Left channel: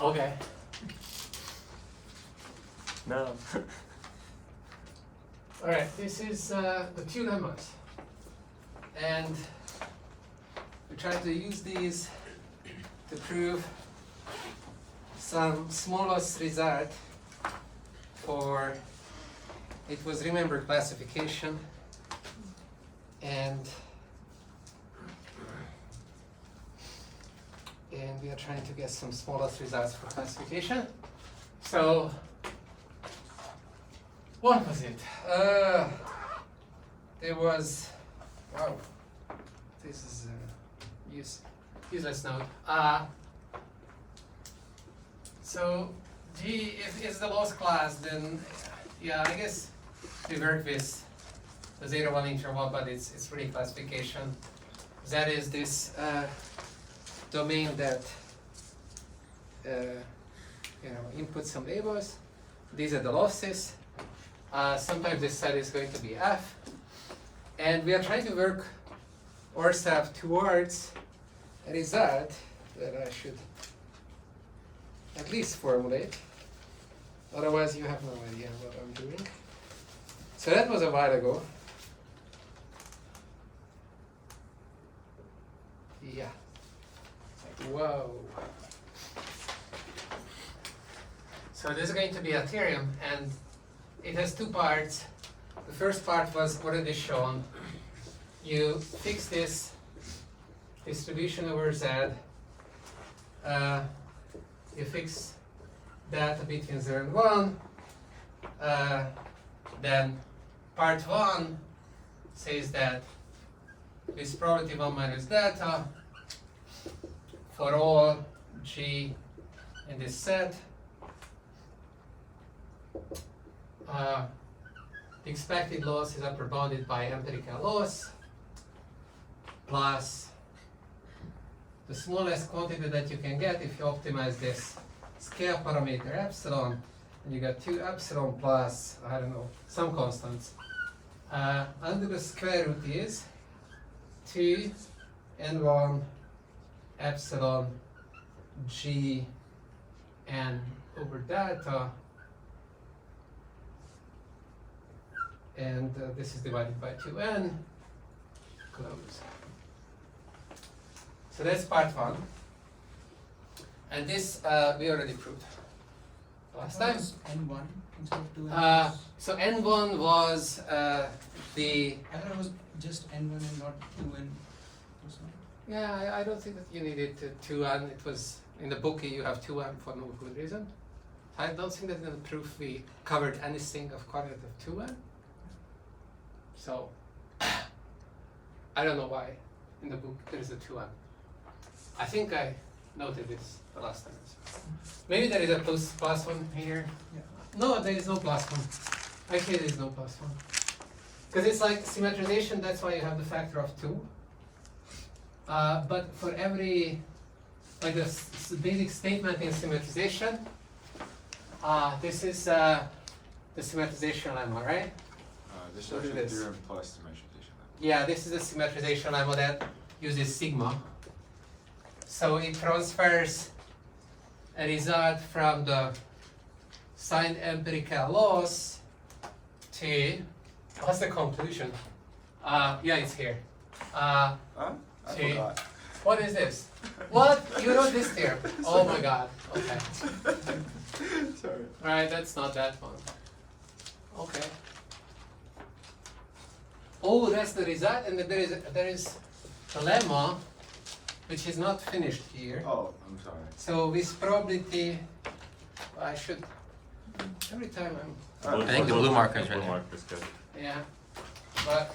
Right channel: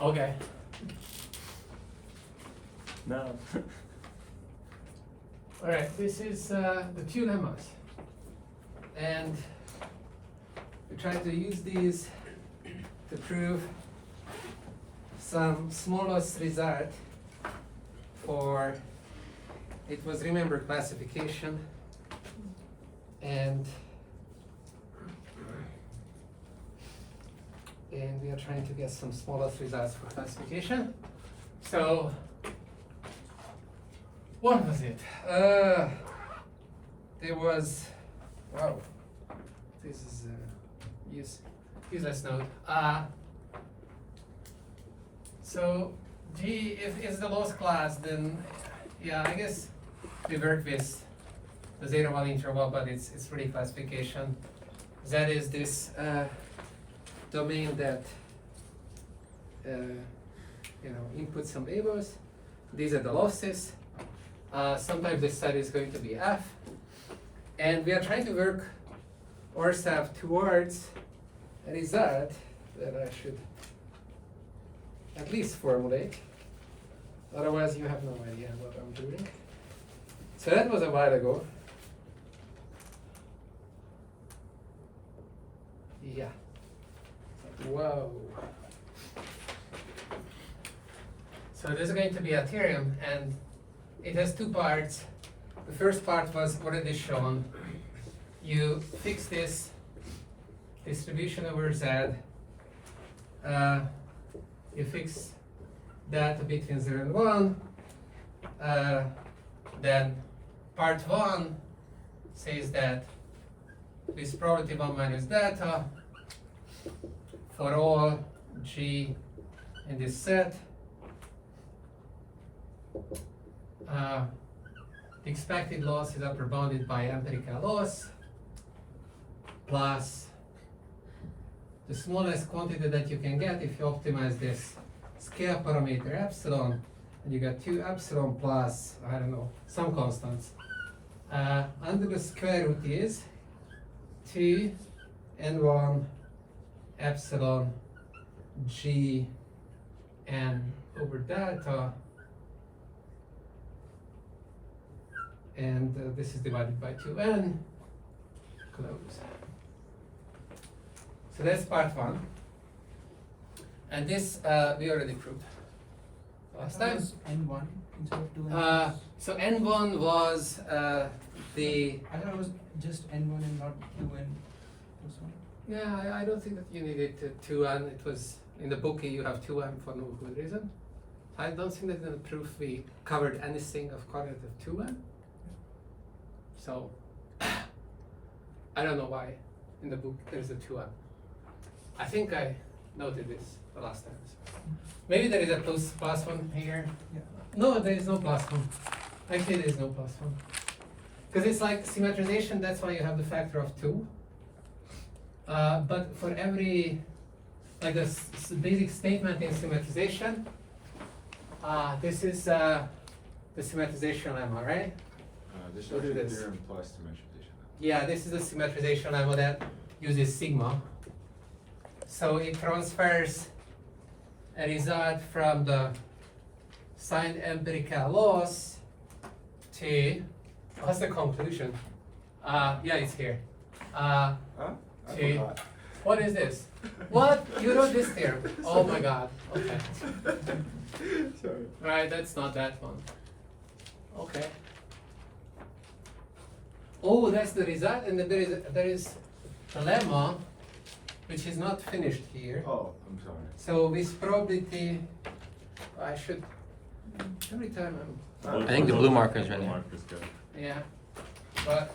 Okay. No. All right, this is the two lemmas. And we try to use these to prove some smallest result for, it was, remember, classification, and we are trying to get some smallest results for classification. So what was it? There was, wow, this is useless note. So G, if it's the lowest class, then yeah, I guess we work with the 0, 1 interval, but it's really classification. That is this domain that input some labels. These are the losses. Sometimes this set is going to be F, and we are trying to work ourselves towards a result that I should at least formulate. Otherwise, you have no idea what I'm doing. So that was a while ago. Yeah. Whoa. So this is going to be a theorem, and it has two parts. The first part was already shown. You fix this distribution over Z. You fix that between 0 and 1. Then part 1 says that with probability 1 minus data for all G in this set, the expected loss is upper bounded by empirical loss plus the smallest quantity that you can get if you optimize this scale parameter epsilon, and you get 2 epsilon plus, I don't know, some constants. Under the square root is 2 and 1 epsilon G n over delta, and this is divided by 2n, close. So that's part 1, and this we already proved last time. N1 instead of 2n. So n1 was the, I thought it was just n1 and not 2n. yeah, I don't think that you needed 2n. It was in the book you have 2n for no good reason. I don't think that in the proof we covered anything of coordinate of 2n. So I don't know why in the book there is a 2n. I think I noted this the last time. Maybe there is a plus 1 here. Yeah. No, there is no plus 1. Actually, there is no plus 1. Because it's like symmetrization, that's why you have the factor of 2. But for every, like the basic statement in symmetrization, this is the symmetrization lemma, right? This Look at is this. theorem plus symmetrization. Yeah, this is the symmetrization lemma that uses sigma. So it transfers a result from the signed empirical loss to, what's the conclusion? Yeah, it's here. I To, forgot. what is this? What? You wrote this theorem? Oh my god. Okay. Sorry. Right, that's not that one. Okay. Oh, that's the result, and then there is a lemma which is not finished here. Oh, I'm sorry. So with probability, I should, every time I'm, I think the blue marker is right there. yeah, but,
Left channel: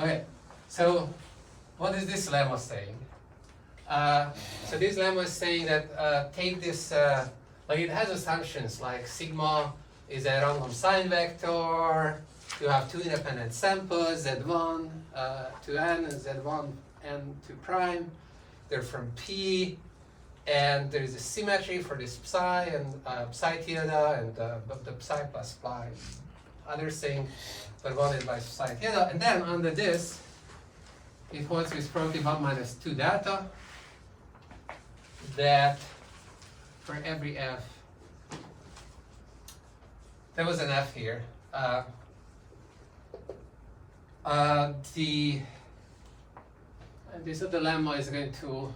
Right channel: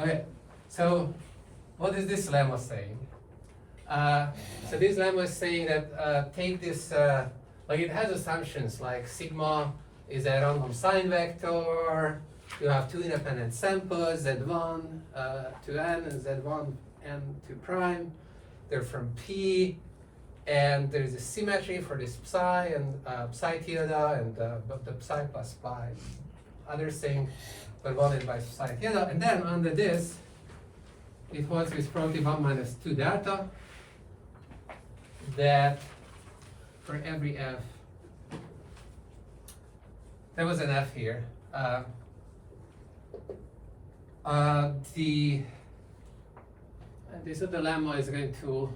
okay, so what is this lemma saying? So this lemma is saying that take this, like it has assumptions like sigma is a random sign vector, you have two independent samples, Z1 to n and Z1 n to prime, they're from P, and there is a symmetry for this psi and psi tilde and the psi plus psi, other thing that bounded by psi tilde, and then under this, it holds with probability 1 minus 2 delta, that for every f, there was an f here. This other lemma is going to,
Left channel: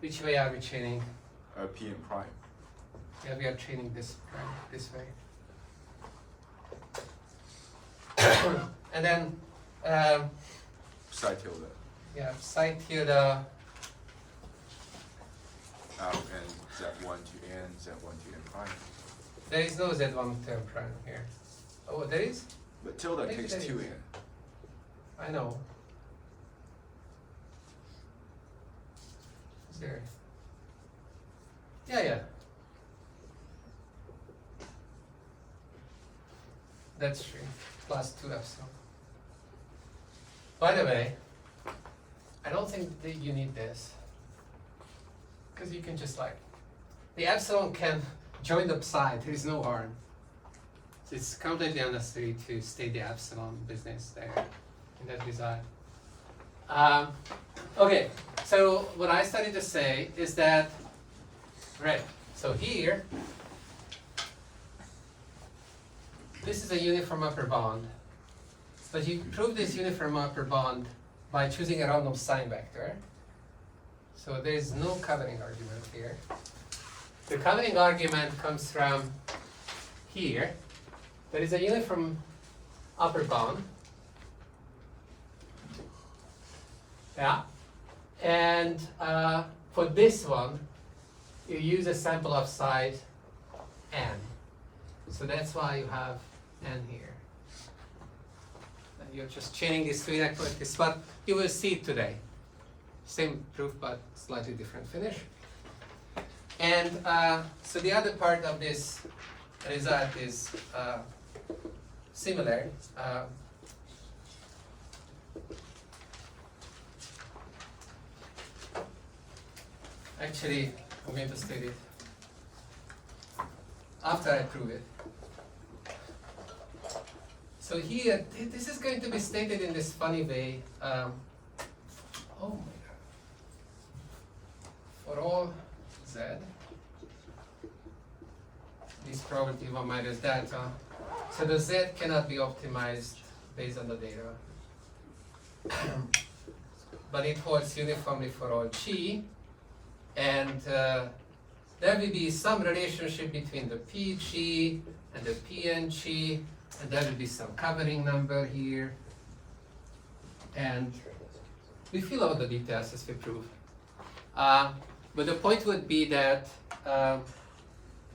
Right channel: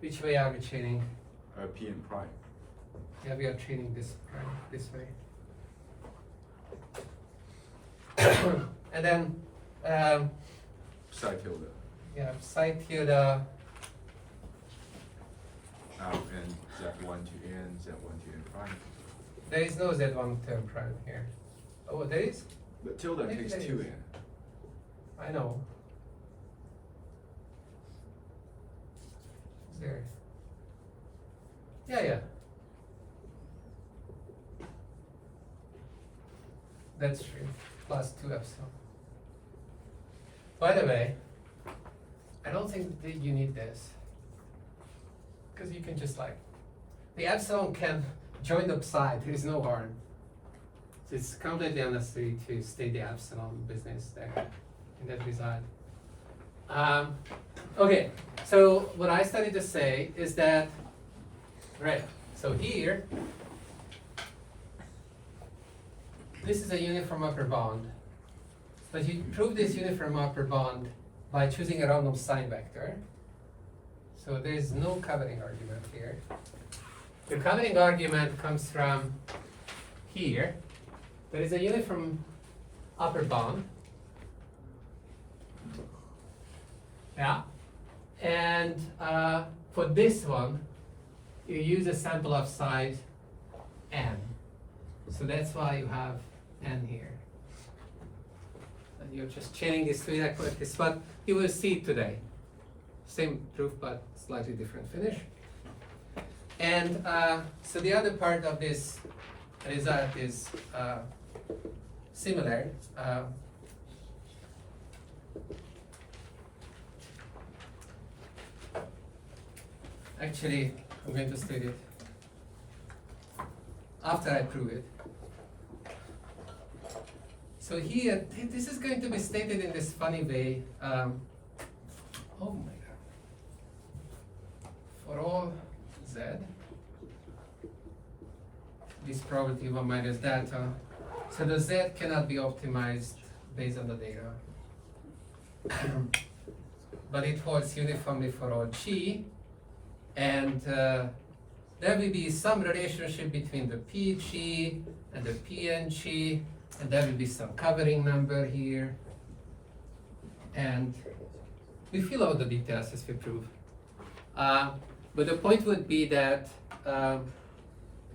which way are we chaining? P and prime. Yeah, we are chaining this way. And then, Psi tilde. yeah, psi tilde, Out and Z1 to N, Z1 to N prime. there is no z1 term prime here. Oh, there is? But tilde Maybe takes there 2 is. N. I know. Is there? Yeah. That's true. Plus 2 epsilon. By the way, I don't think that you need this. Because you can just like, the epsilon can join the psi, there is no harm. So it's completely unnecessary to state the epsilon business there in that result. Okay, so what I started to say is that, right, so here, this is a uniform upper bound. But you prove this uniform upper bound by choosing a random sign vector. So there is no covering argument here. The covering argument comes from here. There is a uniform upper bound. Yeah. And for this one, you use a sample of size n. So that's why you have n here. And you're just chaining these two inequalities, but you will see it today. Same proof, but slightly different finish. And so the other part of this result is similar. Actually, I'm going to state it after I prove it. So here, this is going to be stated in this funny way. Oh my god. For all z, this probability 1 minus delta. So the z cannot be optimized based on the data. But it holds uniformly for all g. And there will be some relationship between the pg and the png, and there will be some covering number here. And we fill out the details as we prove. But the point would be that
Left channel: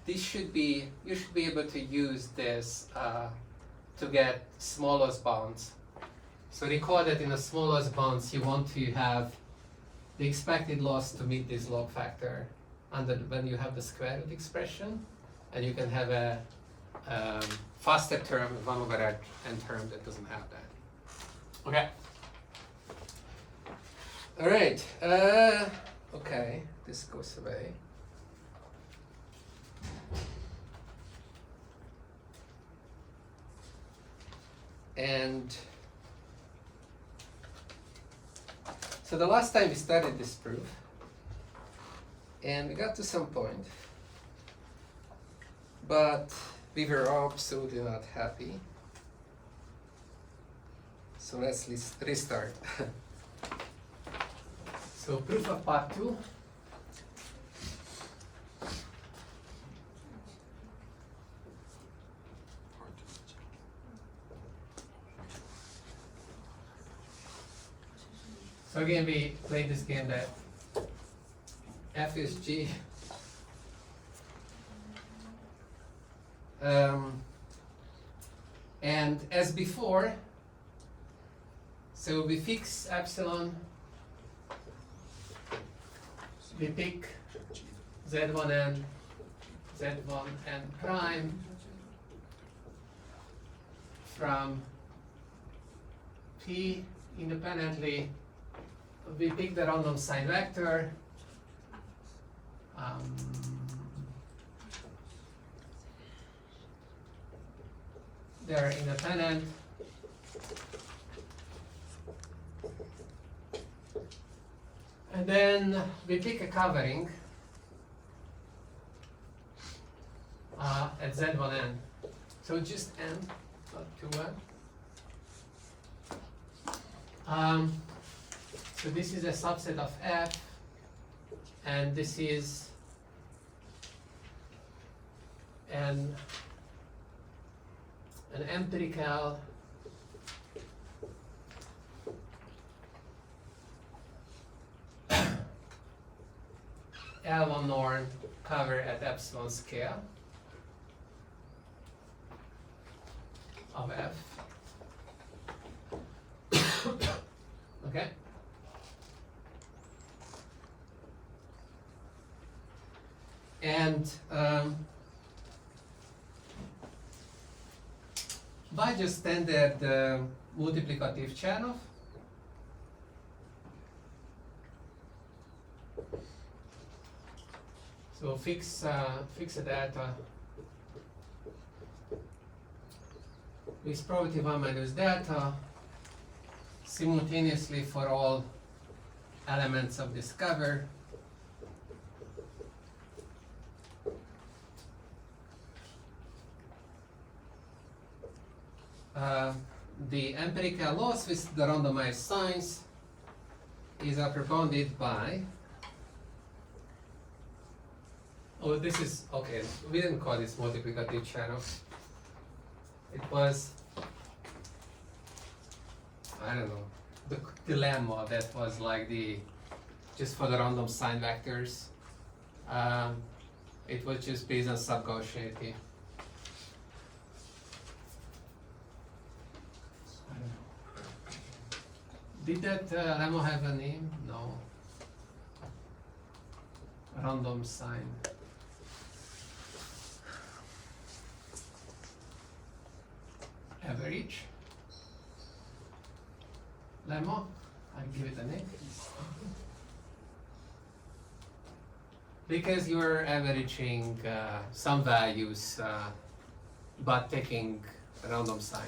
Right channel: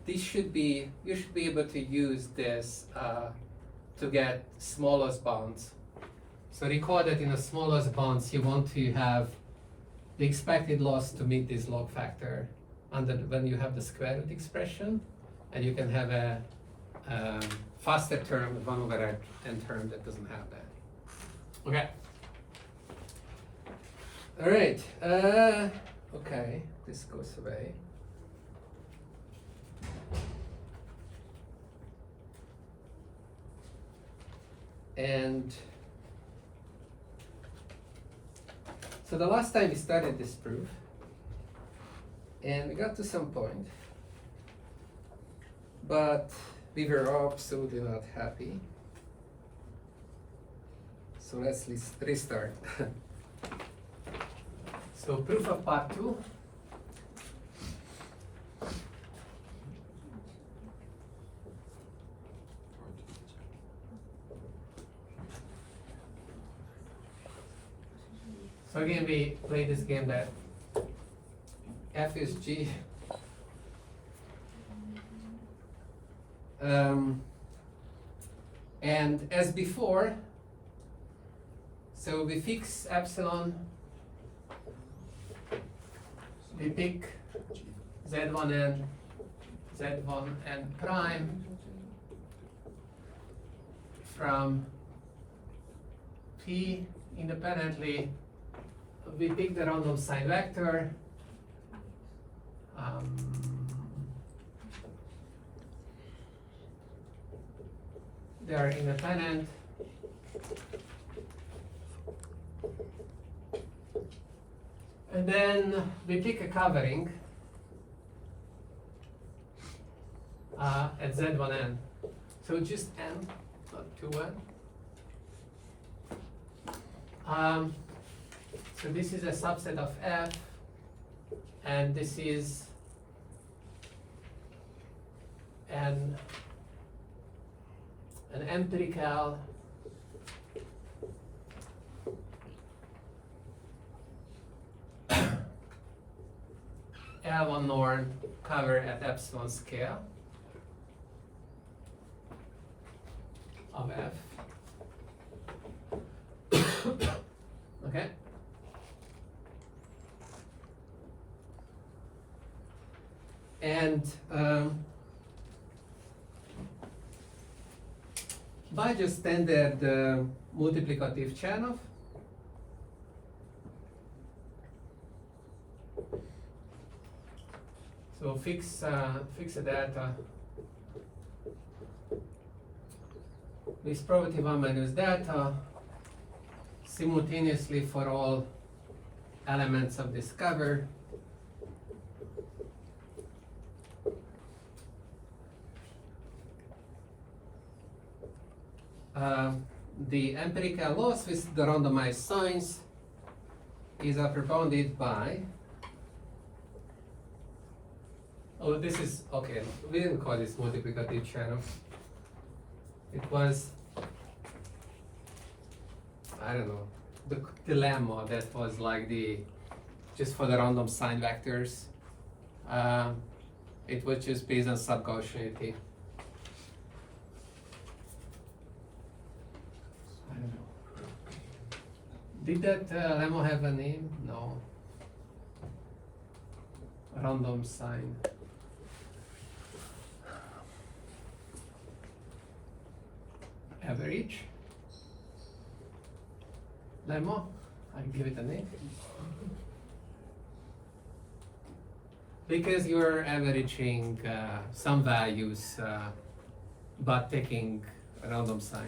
you should be able to use this to get smallest bounds. So recall that in the smallest bounds you want to have the expected loss to meet this log factor, and then when you have the square root expression, and you can have a faster term, 1 over n term that doesn't have that. Okay. All right. Okay, this goes away. And so the last time we studied this proof, and we got to some point, but we were absolutely not happy. So let's restart. So proof of part 2. So again, we play this game that f is g. And as before, so we fix epsilon, we pick z1n, z1n prime from P independently. We pick the random sign vector. They are independent. And then we pick a covering. at Z1n. So just n, not 2n. So this is a subset of F, and this is an empirical L1 norm cover at epsilon scale of F. Okay. And by just standard multiplicative channel, so fix a data with probability 1 minus data simultaneously for all elements of this cover. The empirical loss with the randomized signs is bounded by, oh, this is, okay, we didn't call this multiplicative channel. It was, I don't know, the dilemma that was like just for the random sign vectors. It was just based on sub-Gaussianity. I don't know. Did that lemma have a name? No. Random sign. Average. Lemma? I give it a name. Because you're averaging some values, but taking a random sign.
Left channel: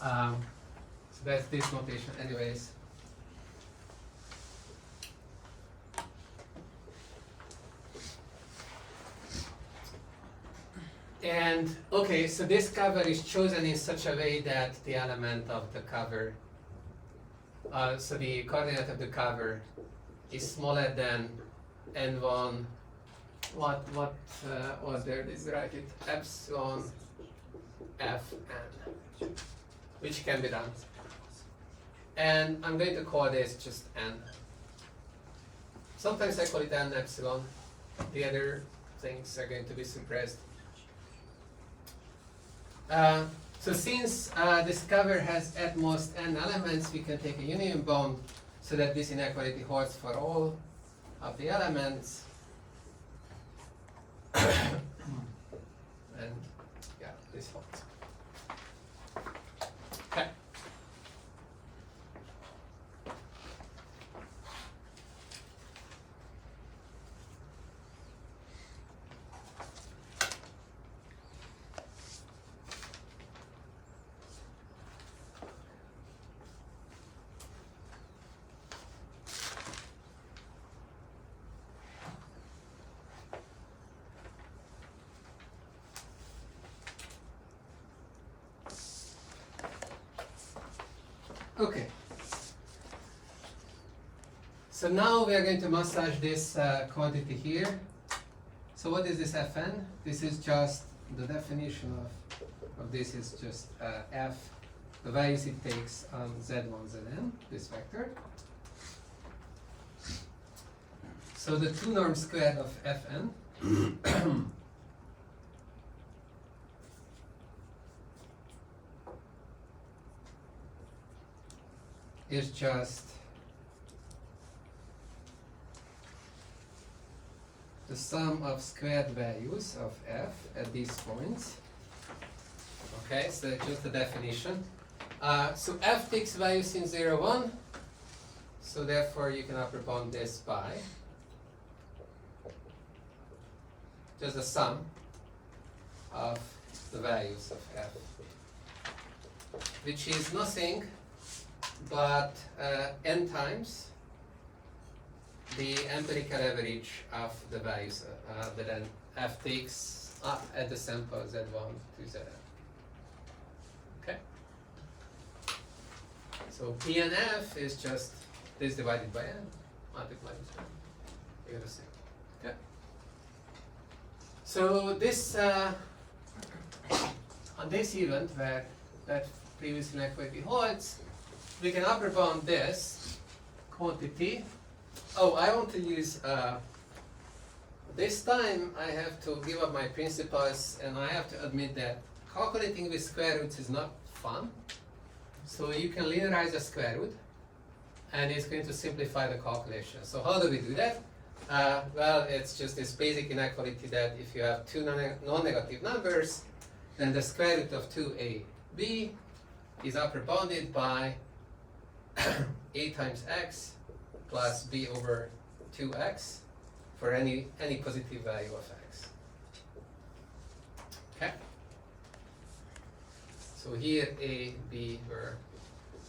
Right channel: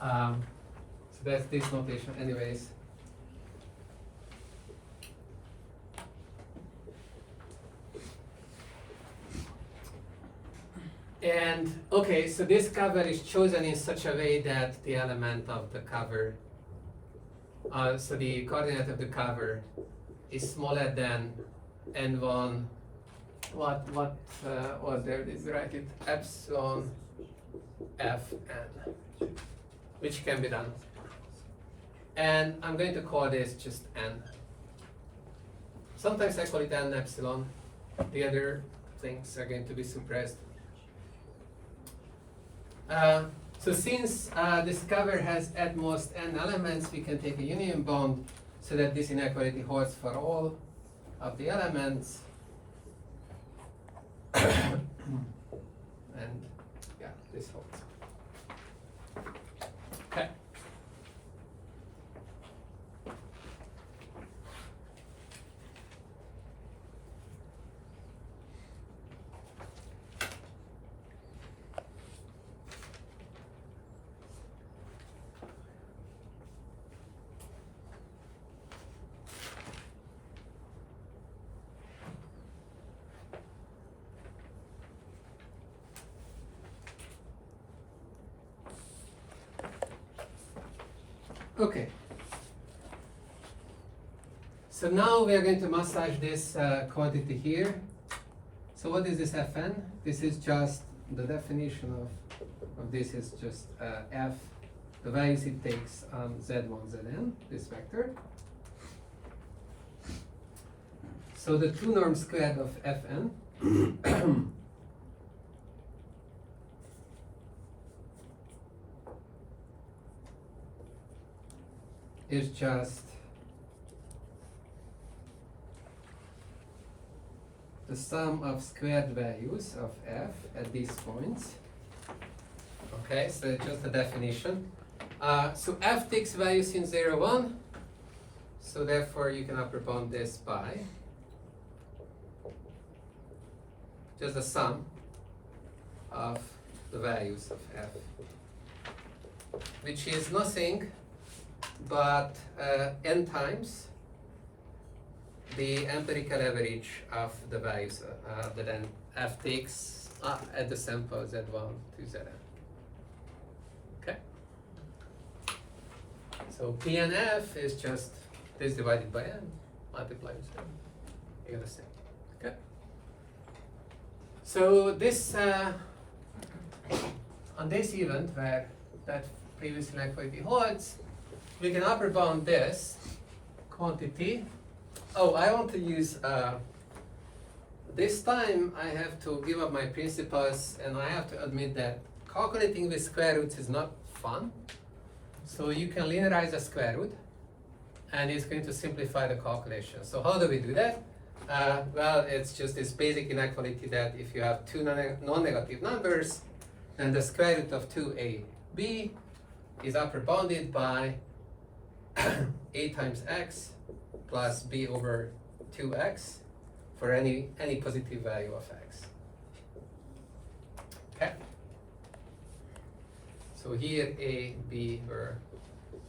So that's this notation anyways. And okay, so this cover is chosen in such a way that the element of the cover, so the coordinate of the cover is smaller than n1, what was there, this write it, epsilon fn, which can be done. And I'm going to call this just n. Sometimes I call it n epsilon, the other things are going to be suppressed. So since this cover has at most n elements, we can take a union bound so that this inequality holds for all of the elements. And yeah, this holds. Okay. Okay. So now we are going to massage this quantity here. So what is this Fn? This is just the definition of this is just F, the values it takes on Z1, Zn, this vector. So the 2 norm squared of Fn is just the sum of squared values of f at these points. Okay, so it's just the definition. So f takes values in 0, 1, so therefore you can upper bound this by just the sum of the values of f, which is nothing but n times the empirical average of the values that then f takes at the sample z1 to zn. Okay? So p and f is just this divided by n multiplied with n. You're gonna say. Okay? So this on this event where that previous inequality holds, we can upper bound this quantity. Oh, I want to use this time I have to give up my principles, and I have to admit that calculating with square roots is not fun. So you can linearize a square root, and it's going to simplify the calculation. So how do we do that? Well, it's just this basic inequality that if you have two non-negative numbers, then the square root of 2ab is upper bounded by a times x plus b over 2x for any positive value of x. Okay? So here a, b were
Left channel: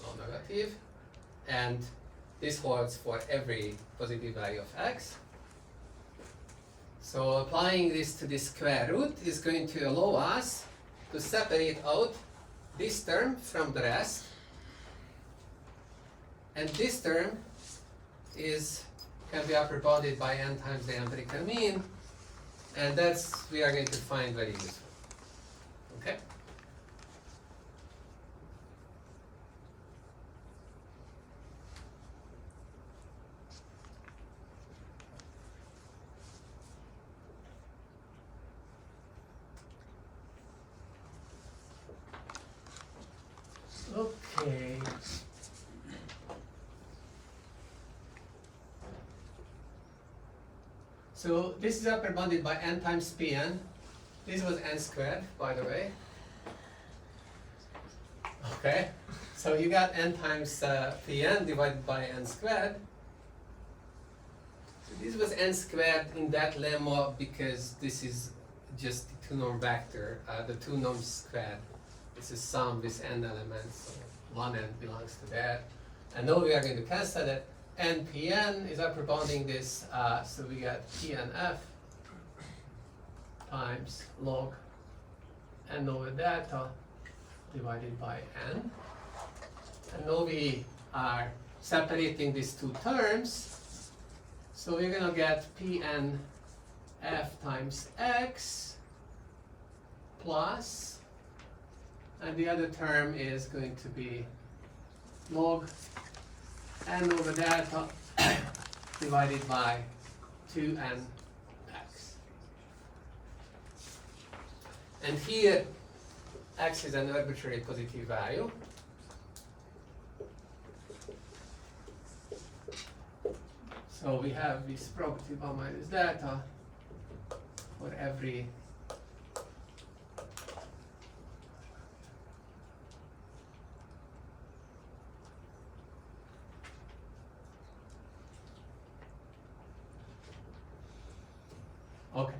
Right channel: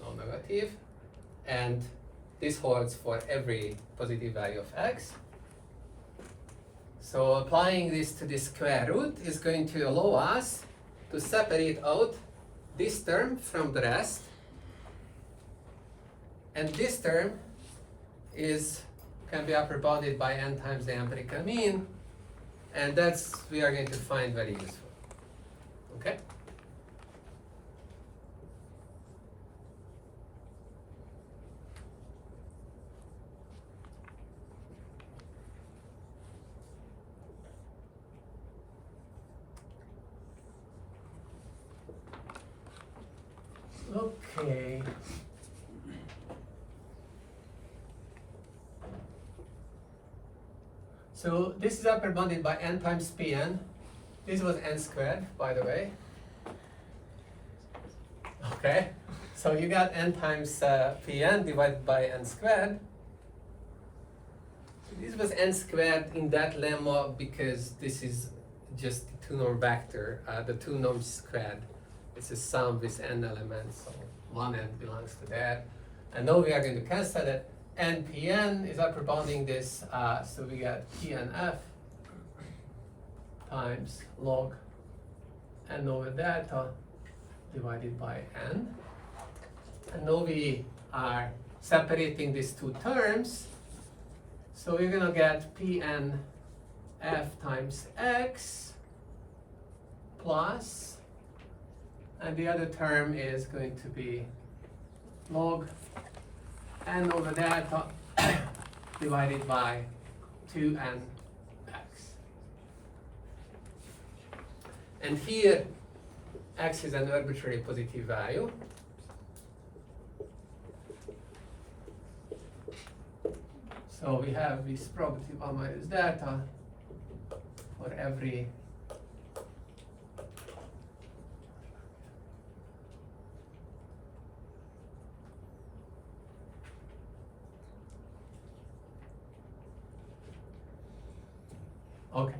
non-negative, and this holds for every positive value of x. So applying this to the square root is going to allow us to separate out this term from the rest, and this term can be upper bounded by n times the empirical mean, and that's we are going to find very useful. Okay? Okay. So this is upper bounded by n times pn. This was n squared, by the way. Okay, so you got n times pn divided by n squared. So this was n squared in that lemma because this is just the two-norm vector, the two norms squared. It's a sum with n elements, so one n belongs to that. And now we are going to cancel that. And Pn is upper bounding this, so we get Pnf times log n over delta divided by n. And now we are separating these two terms, so we're gonna get Pnf times x plus, and the other term is going to be log n over delta divided by 2nx. And here x is an arbitrary positive value. So we have this property 1 minus delta for every okay.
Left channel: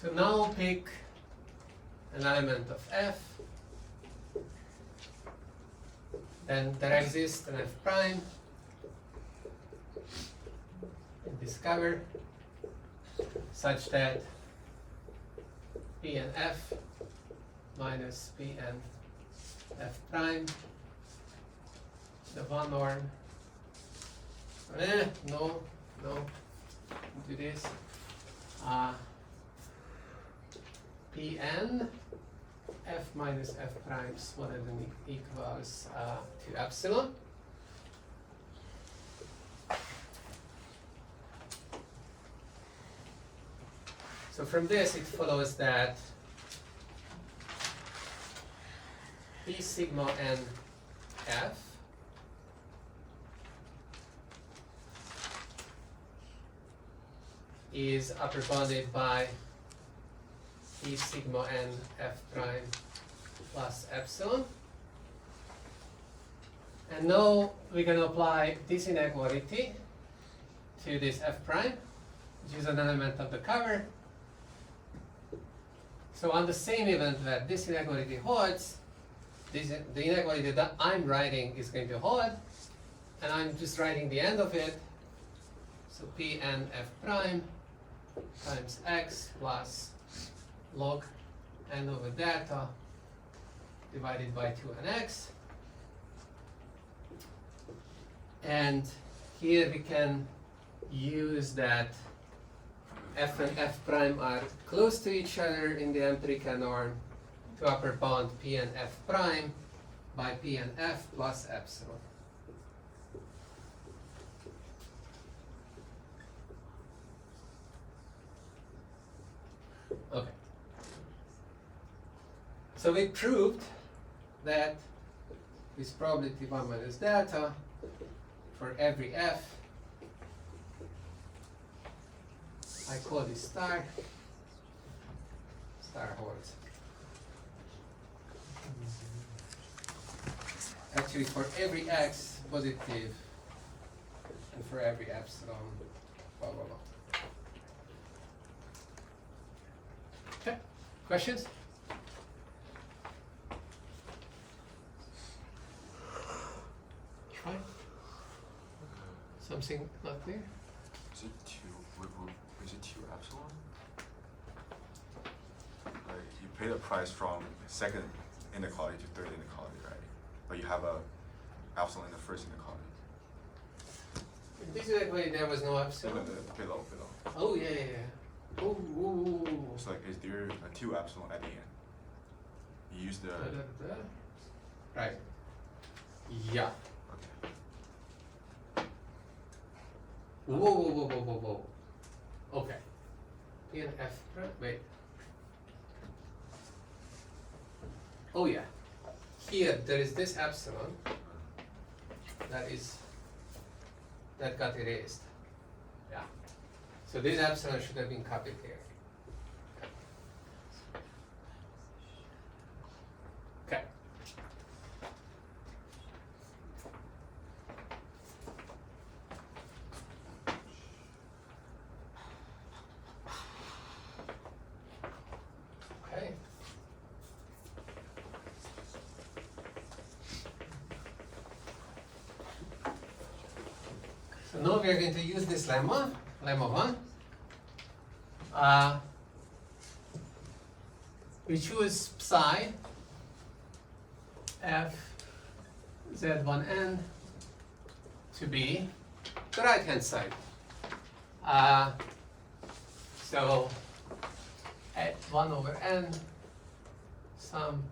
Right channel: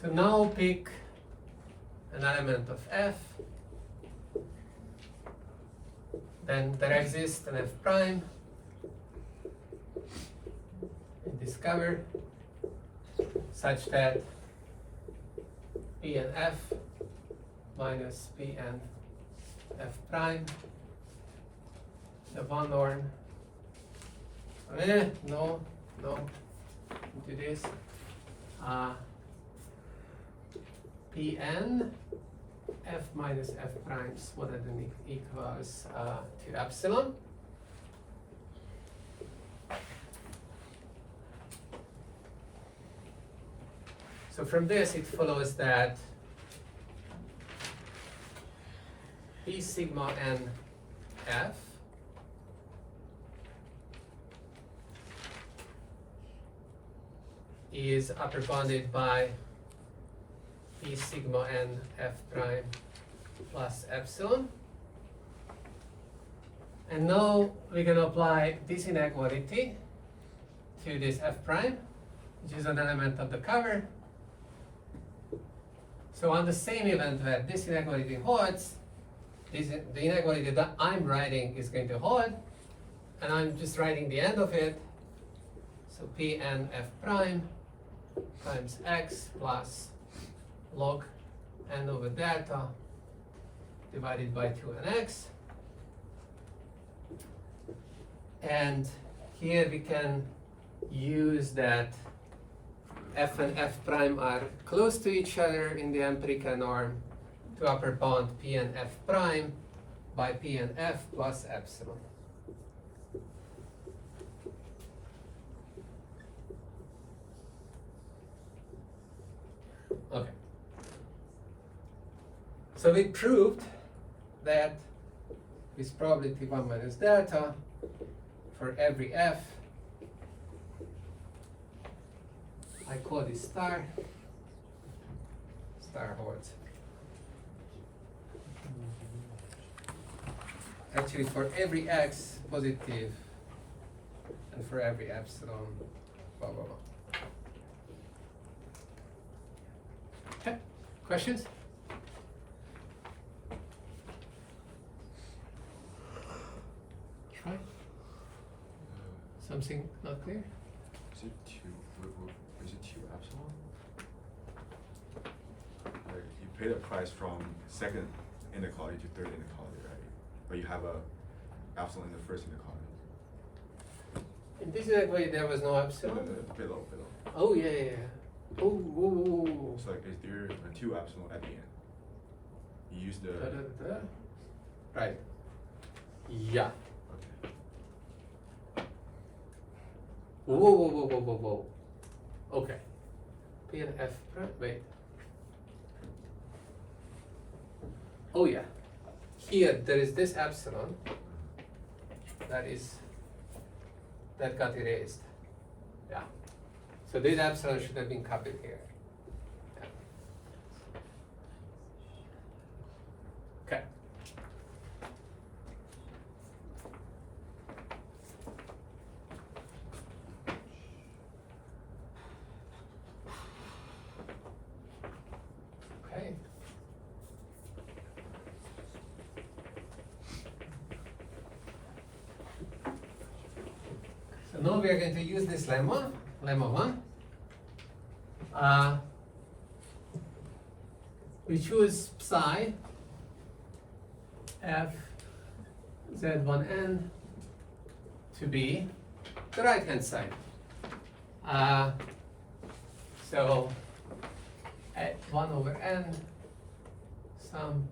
So now pick an element of f, then there exists an f prime, and discover such that p and f minus p and f prime, the one norm, no, do this, Pn f minus f prime smaller than equals to epsilon. So from this it follows that P sigma n f is upper bounded by P sigma n f prime plus epsilon. And now we're going to apply this inequality to this f prime, which is an element of the cover. So on the same event where this inequality holds, the inequality that I'm writing is going to hold and I'm just writing the end of it. So Pn f prime times x plus log n over delta divided by 2nx. And here we can use that f and f prime are close to each other in the empirical norm to upper bound p and f prime by p and f plus epsilon. Okay. So we proved that with probability 1 minus delta for every f, I call this star holds. Actually, for every x positive and for every epsilon, blah, blah, blah. Okay, questions? Try. Something not clear? Is it two epsilon? You pay the price from second inequality to third inequality, right? But you have a epsilon in the first inequality. In this inequality, there was no epsilon. Below. Oh yeah, yeah, yeah. Oh. It's like, is there a two epsilon at the end? You use the. Right. Yeah. Okay. Whoa. Okay. P and F prime. Wait. Oh yeah. Here there is this epsilon. That got erased. Yeah. So this epsilon should have been copied here. Okay. Okay. So now we are going to use this lemma 1. We choose psi f z1n to be the right hand side. So at 1 over n sum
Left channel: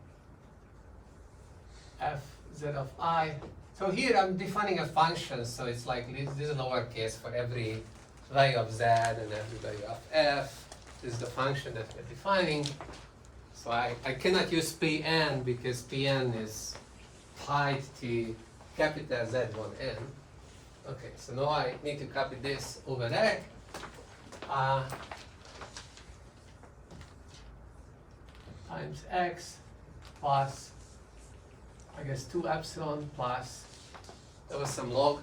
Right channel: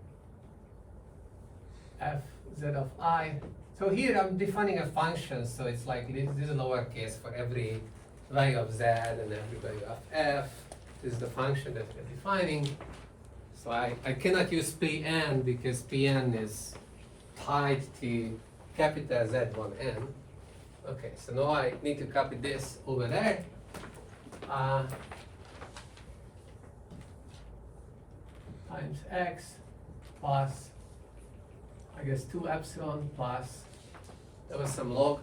f z of I. So here I'm defining a function, so it's like this is lowercase for every value of z and every value of f. This is the function that we're defining. So I cannot use Pn because Pn is tied to capital Z1n. Okay, so now I need to copy this over there. Times x plus, I guess 2 epsilon plus, there was some log.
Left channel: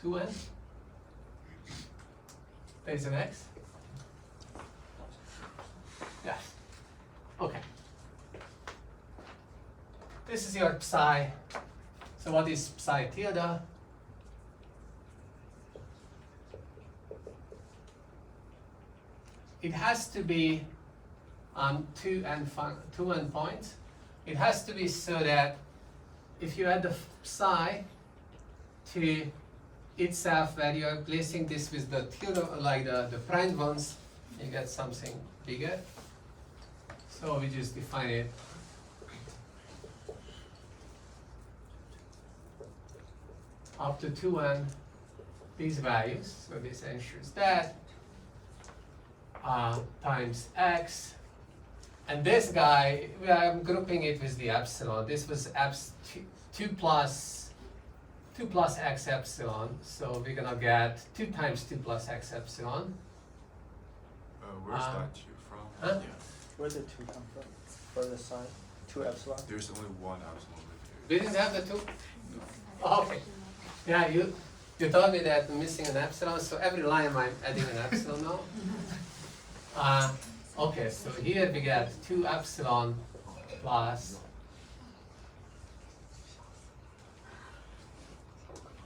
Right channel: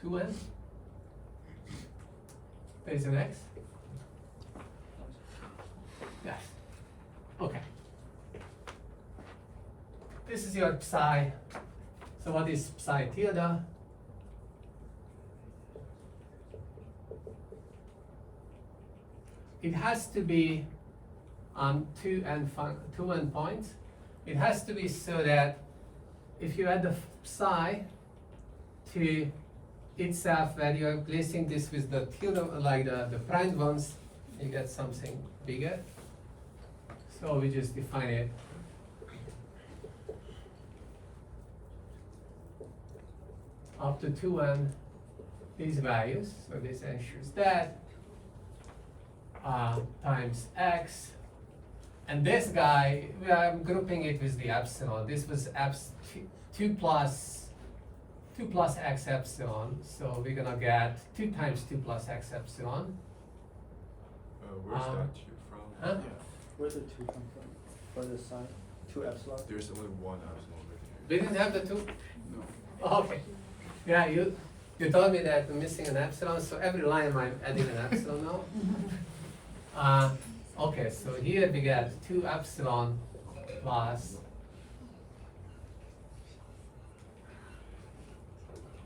Two n. There's an x. Yes. Okay. This is your psi. So what is psi tilde? It has to be on 2n points. It has to be so that if you add the psi to itself, where you are placing this with the tilde, like the prime ones, you get something bigger. So we just define it. Up to 2n these values, so this ensures that times x, and this guy, I'm grouping it with the epsilon. This was 2 plus x epsilon, so we're gonna get 2 times 2 plus x epsilon. Where's that 2 from? Huh? Yeah. Where did 2 come from? For the sign? 2 epsilon? There's only one epsilon. We didn't have the 2? No. Oh, okay. Yeah, you told me that I'm missing an epsilon, so every line I'm adding an epsilon now. Okay, so here we get 2 epsilon plus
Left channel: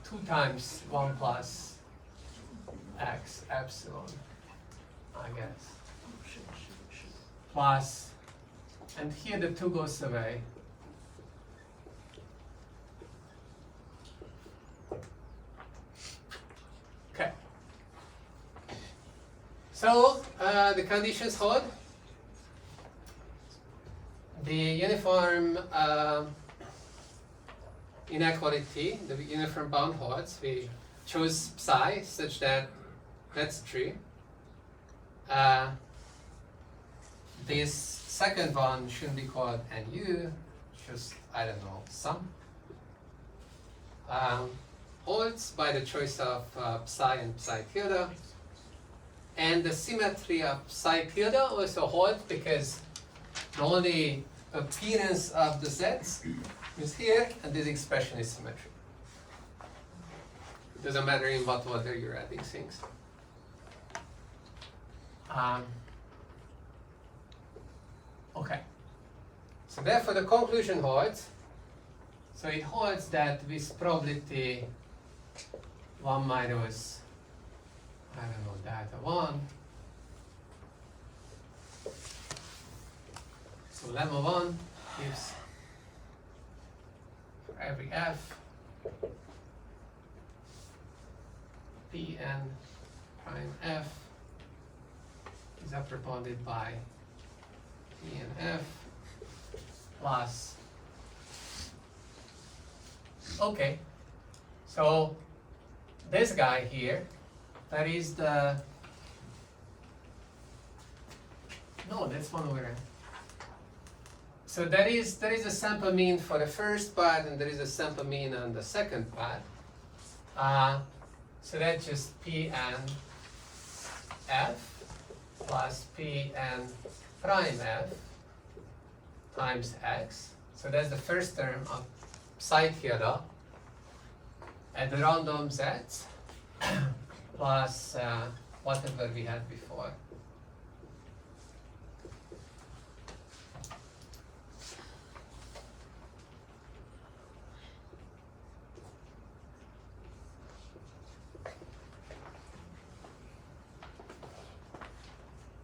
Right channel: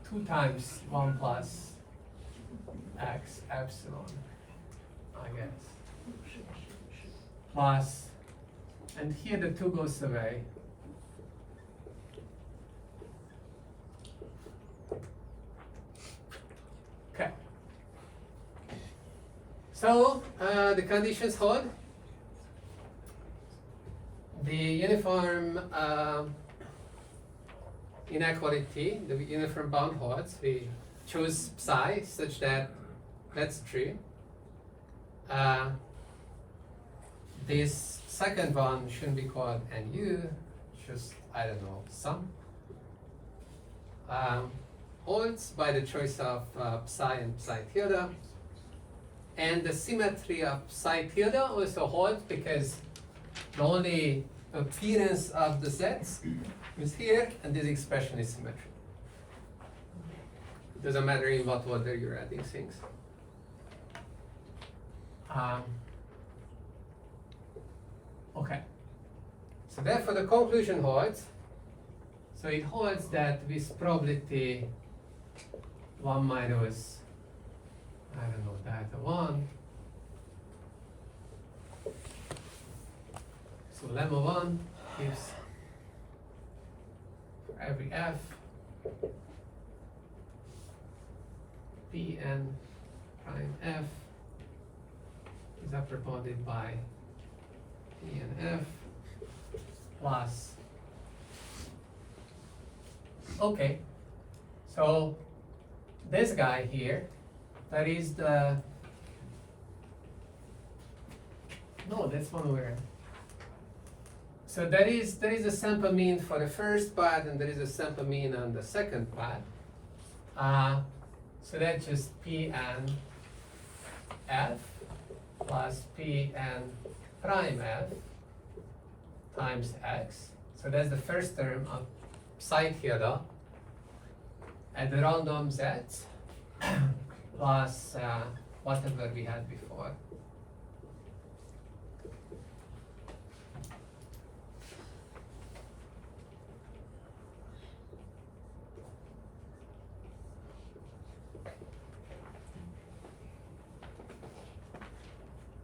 2 times 1 plus x epsilon, I guess, plus, and here the 2 goes away. Okay. So the conditions hold. The uniform inequality, the uniform bound holds. We choose psi such that that's true. This second one shouldn't be called nu, just, I don't know, sum. Holds by the choice of psi and psi tilde. And the symmetry of psi tilde also holds because the only appearance of the sets is here, and this expression is symmetric. It doesn't matter in what order you're adding things. Okay. So therefore the conclusion holds. So it holds that with probability 1 minus, I don't know, delta 1. So lemma 1 gives for every f Pn prime f is upper bounded by Pn f plus. Okay, so this guy here, that is the, no, that's one over there. So there is a sample mean for the first part, and there is a sample mean on the second part. So that's just Pn f plus Pn prime f times x. So that's the first term of psi tilde at the random sets plus whatever we had before.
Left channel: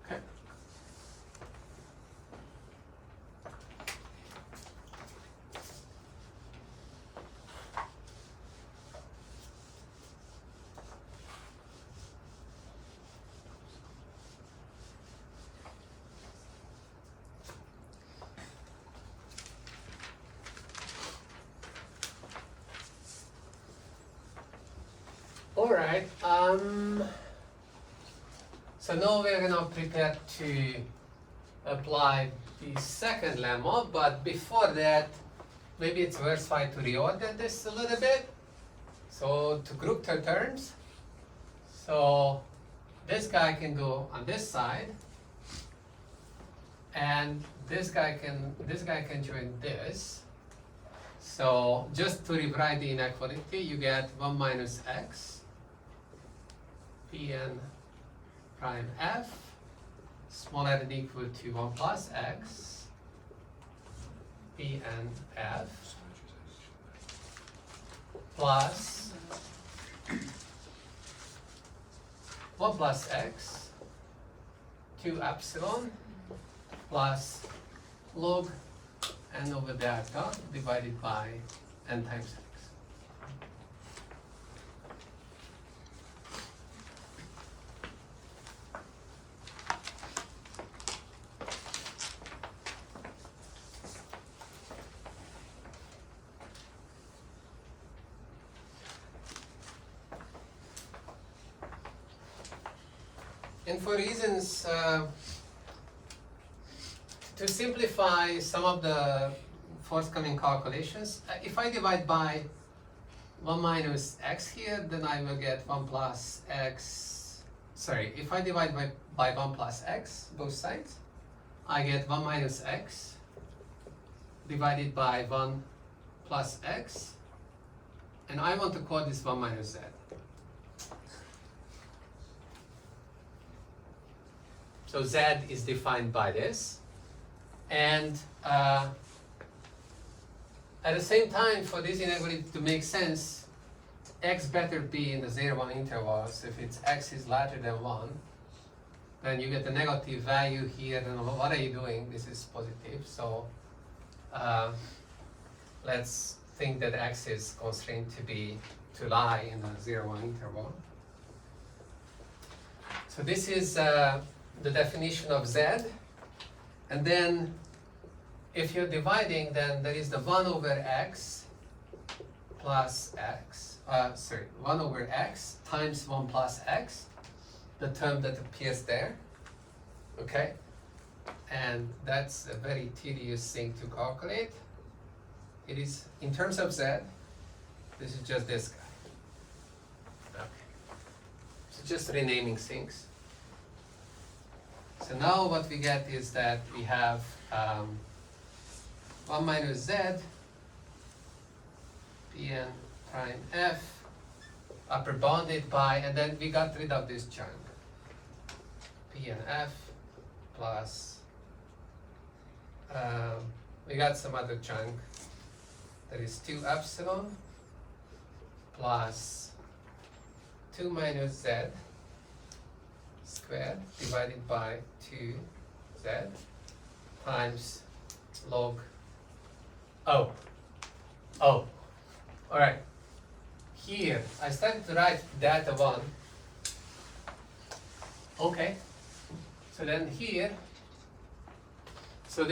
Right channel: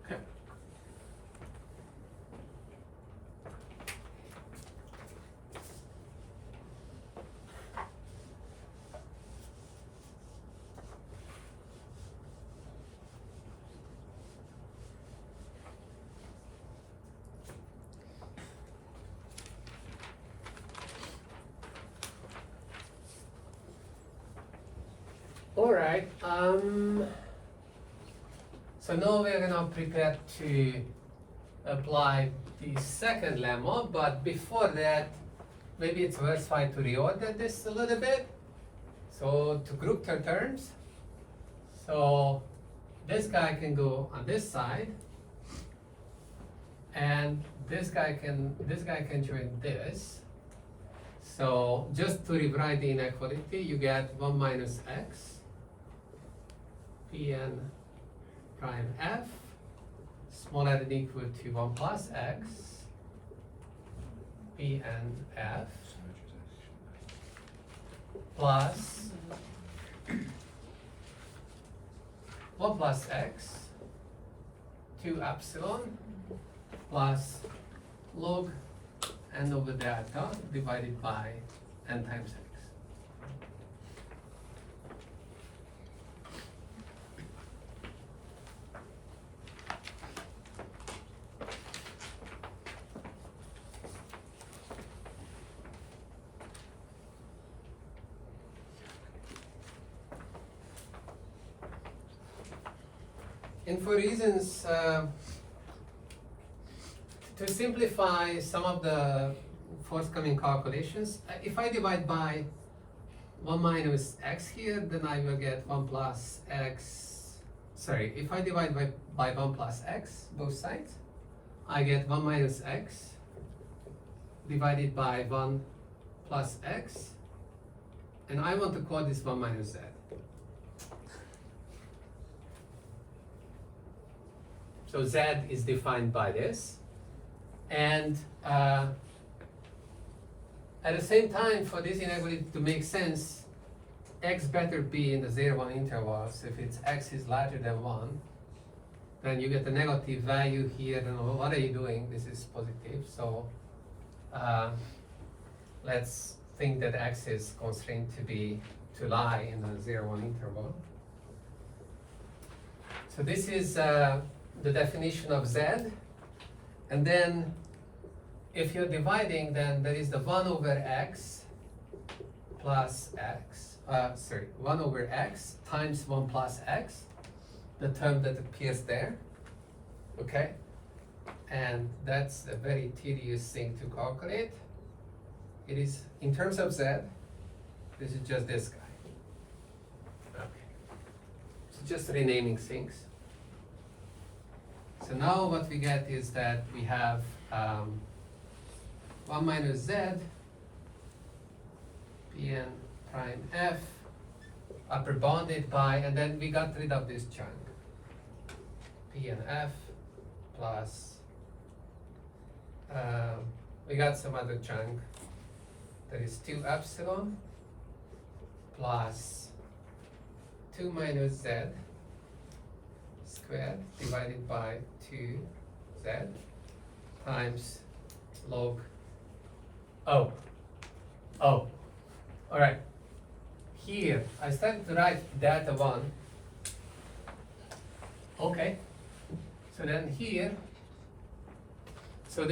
Okay. All right. So now we're now prepared to apply the second lemma, but before that, maybe it's worthwhile to reorder this a little bit. So to group the terms. So this guy can go on this side, and this guy can join this. So just to rewrite the inequality, you get 1 minus x Pn prime f smaller than equal to 1 plus x Pn f plus 1 plus x 2 epsilon plus log n over delta divided by n times x. And for reasons to simplify some of the forthcoming calculations, if I divide by 1 minus x here, then I will get 1 plus x. Sorry, if I divide by 1 plus x, both sides, I get 1 minus x divided by 1 plus x, and I want to call this 1 minus z. So z is defined by this. And at the same time, for this inequality to make sense, x better be in the 0, 1 intervals. If it's x is larger than 1, then you get a negative value here. And what are you doing? This is positive. So let's think that x is constrained to lie in the 0, 1 interval. So this is the definition of z. And then if you're dividing, then there is the 1 over x plus x, 1 over x times 1 plus x, the term that appears there, okay? And that's a very tedious thing to calculate. It is, in terms of z, this is just this guy. Okay. So just renaming things. So now what we get is that we have 1 minus z Pn prime f upper bounded by, and then we got rid of this chunk. Pn f plus, we got some other chunk. There is 2 epsilon plus 2 minus z squared divided by 2z times log O. All right. Here, I started to write data 1. Okay. So then here, so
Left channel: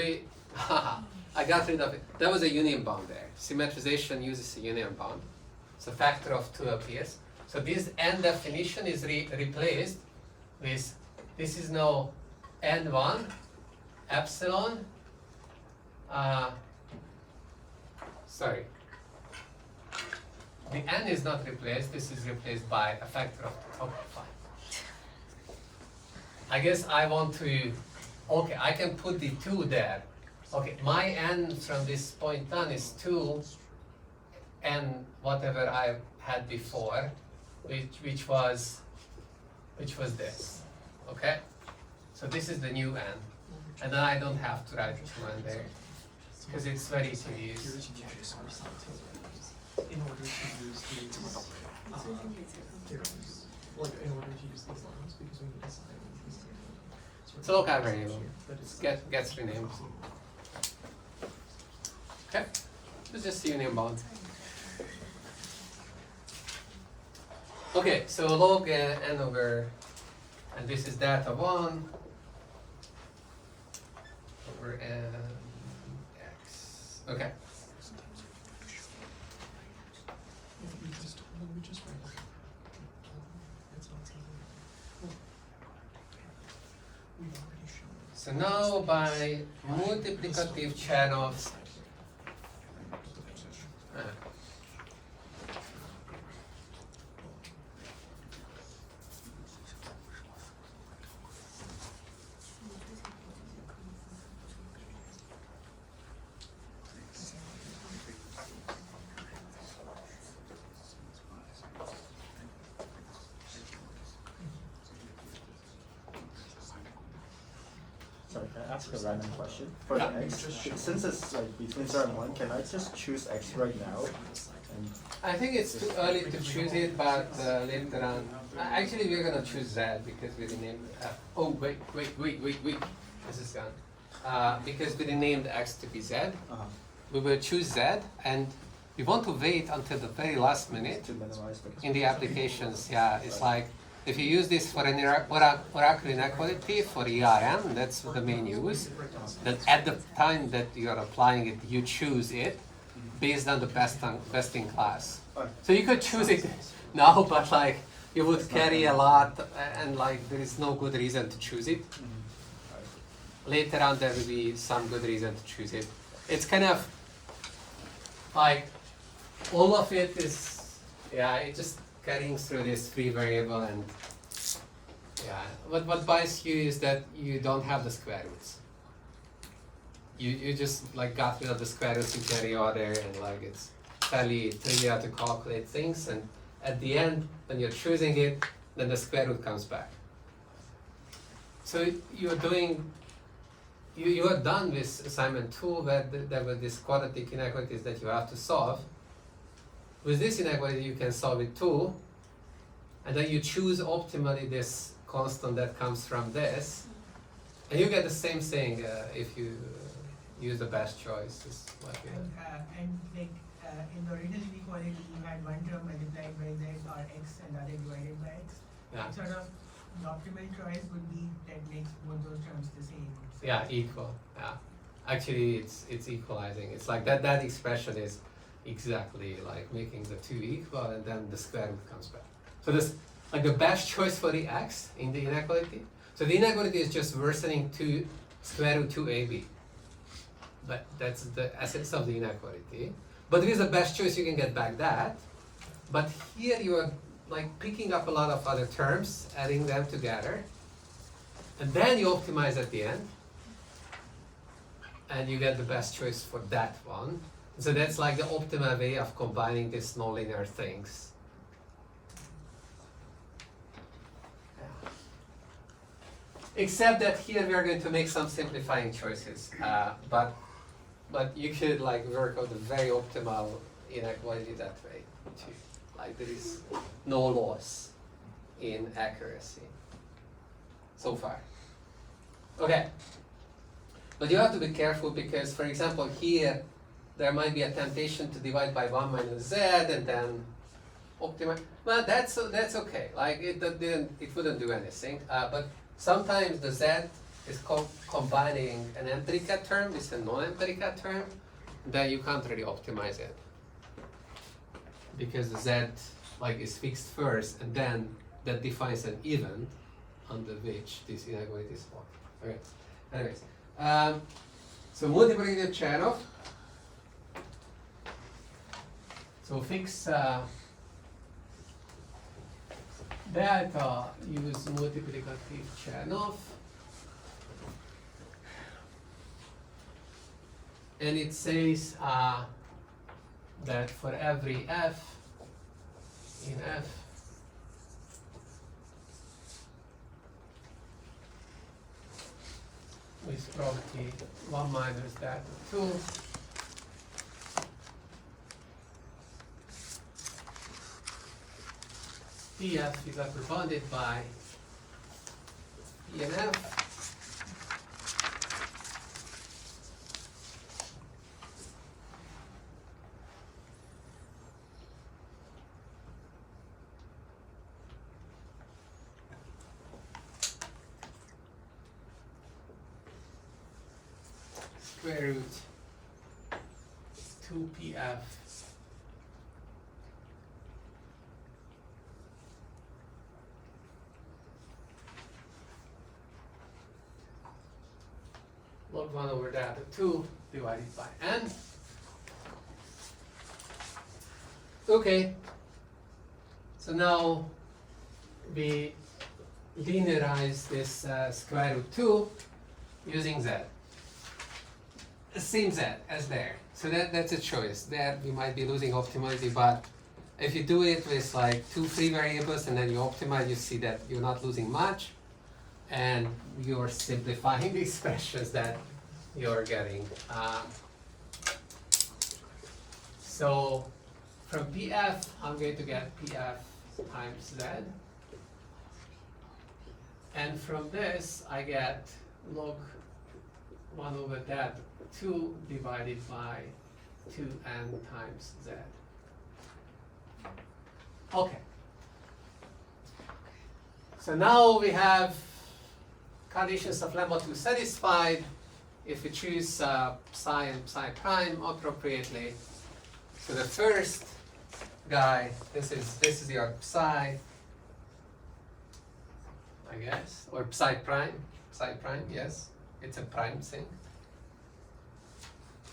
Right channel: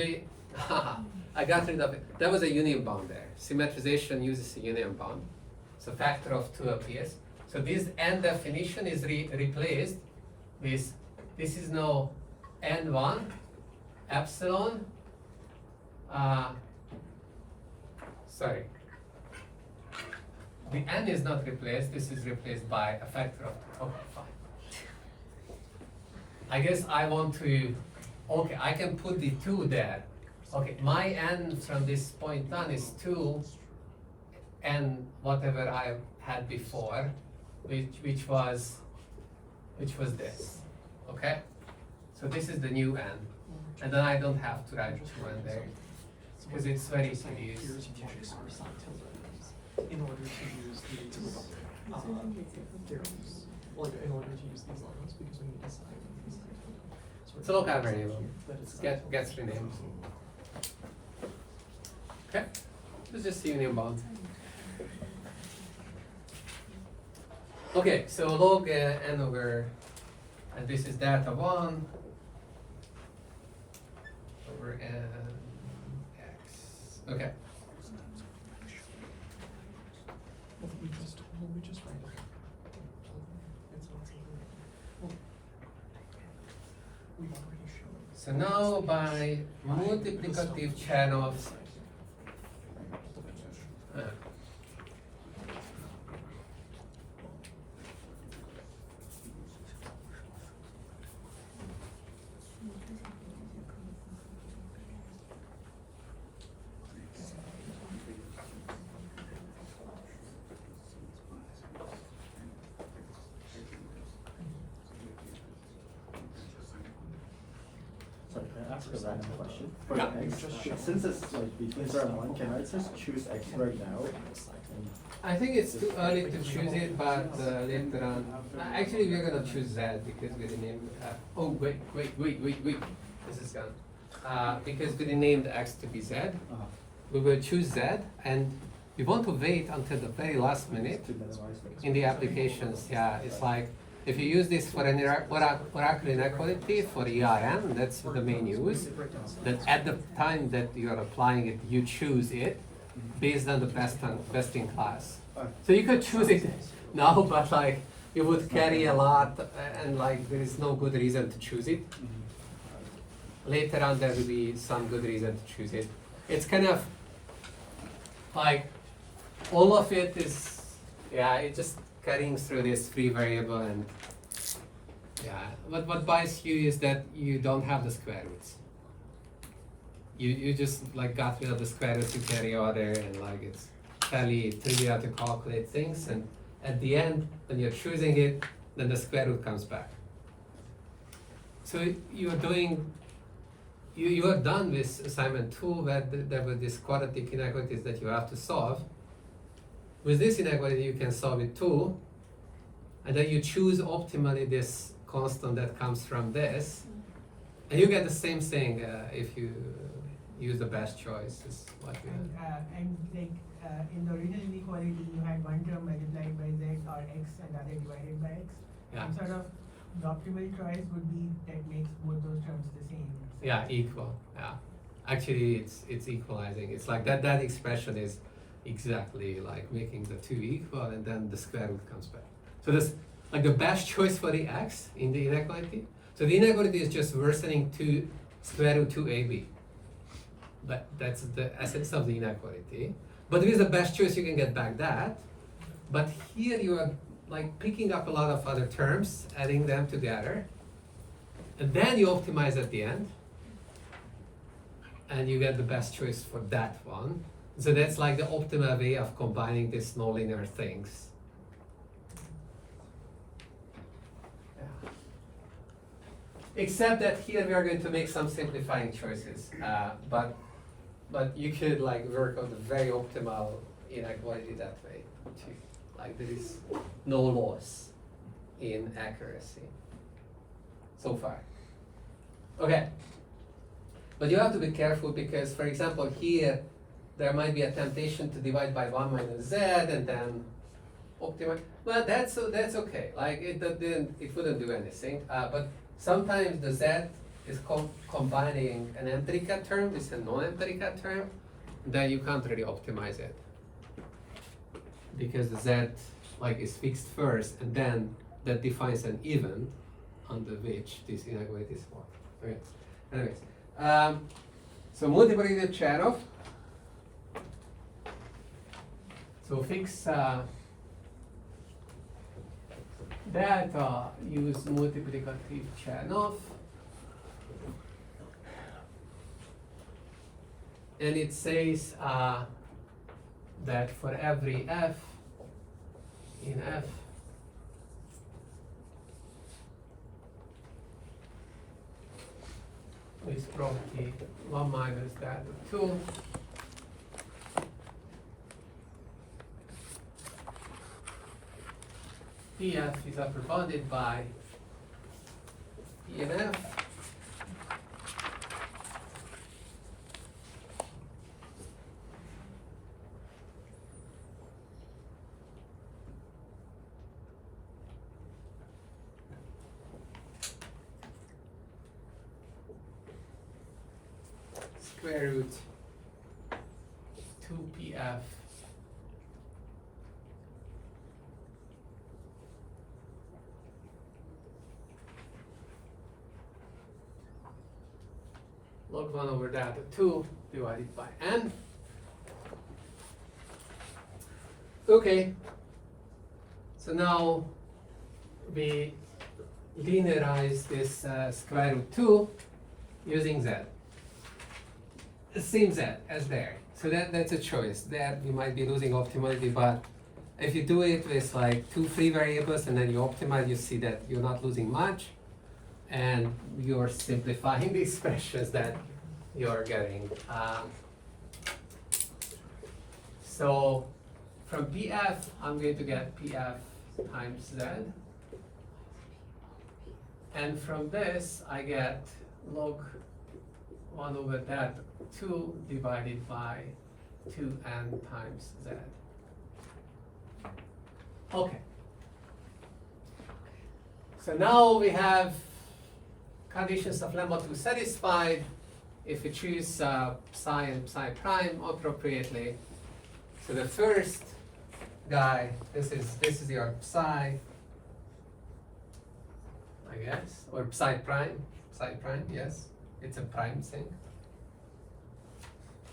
I got rid of it. There was a union bound there. Symmetrization uses a union bound. So factor of 2 appears. So this n definition is replaced with, this is now n1 epsilon, sorry, the n is not replaced, this is replaced by a factor of 2. Okay, fine. I guess I want to, okay, I can put the 2 there. Okay, my n from this point on is 2 and whatever I had before, which was this. Okay? So this is the new n. And then I don't have to write 2n there because it's very tedious. In order to use these theorems, or in order to use these lines, because we need to assign these things. It's a local variable. It gets renamed. Okay? It's just union bound. Okay, so log n over, and this is data 1 over n x. Okay. We just write it. It's not something. We've already shown it. So now by multiplicative channels, Sorry, can I ask a random question? For Yeah. x, since it's like between 0 and 1, can I just choose x right now? And I think it's too early to choose it, but later on. Actually, we're gonna choose z because we renamed. Oh wait! This is gone. Because we renamed x to be z, we will choose z, and we want to wait until the very last minute to minimize the in the applications. Yeah, it's like if you use this for an oracle inequality for ERM, that's the main use. That at the time that you are applying it, you choose it based on the best in class. So you could choose it now, but like you would carry a lot, and like there is no good reason to choose it. Later on, there will be some good reason to choose it. It's kind of like all of it is, yeah, it's just carrying through this free variable, and yeah, what buys you is that you don't have the square roots. You just like got rid of the square roots in carry order, and like it's fairly trivial to calculate things, and at the end when you're choosing it, then the square root comes back. So you're doing, you are done with assignment 2 where there were these quadratic inequalities that you have to solve. With this inequality you can solve it too, and then you choose optimally this constant that comes from this, and you get the same thing if you use the best choice. Is what you And like in the original inequality, you had one term multiplied by z or x and other divided by x. Yeah. And sort of the optimal choice would be that makes both those terms the same. Yeah, equal. Yeah, actually, it's equalizing. It's like that expression is exactly like making the two equal, and then the square root comes back. So this like the best choice for the x in the inequality. So the inequality is just worsening to square root 2ab. But that's the essence of the inequality. But with the best choice, you can get back that. But here you are like picking up a lot of other terms, adding them together, and then you optimize at the end, and you get the best choice for that one. So that's like the optimal way of combining these nonlinear things. Yeah. Except that here we are going to make some simplifying choices, but you could like work out the very optimal inequality that way too. Like there is no loss in accuracy so far. Okay. But you have to be careful because, for example, here there might be a temptation to divide by 1 minus z and then optimize. Well, that's okay. Like it wouldn't do anything. But sometimes the z is combining an empirical term with a non-empirical term. Then you can't really optimize it because the z like is fixed first, and then that defines an event under which this inequality is formed. Okay. Anyways. So multiplicative Chernoff. So fix data, use multiplicative Chernoff, and it says that for every f in f with property 1 minus that of 2, Pf is represented by P and F. Square root 2pf log 1 over that of 2 divided by n. Okay, so now we linearize this square root 2 using z. Same z as there. So that's a choice. There we might be losing optimality, but if you do it with like 2 free variables and then you optimize, you see that you're not losing much, and you're simplifying the expressions that you're getting. So from Pf, I'm going to get Pf times z, and from this I get log 1 over that 2 divided by 2n times z. Okay. So now we have conditions of lemma 2 satisfied if we choose psi and psi prime appropriately. So the first guy, this is your psi, I guess, or psi prime, yes, it's a prime thing.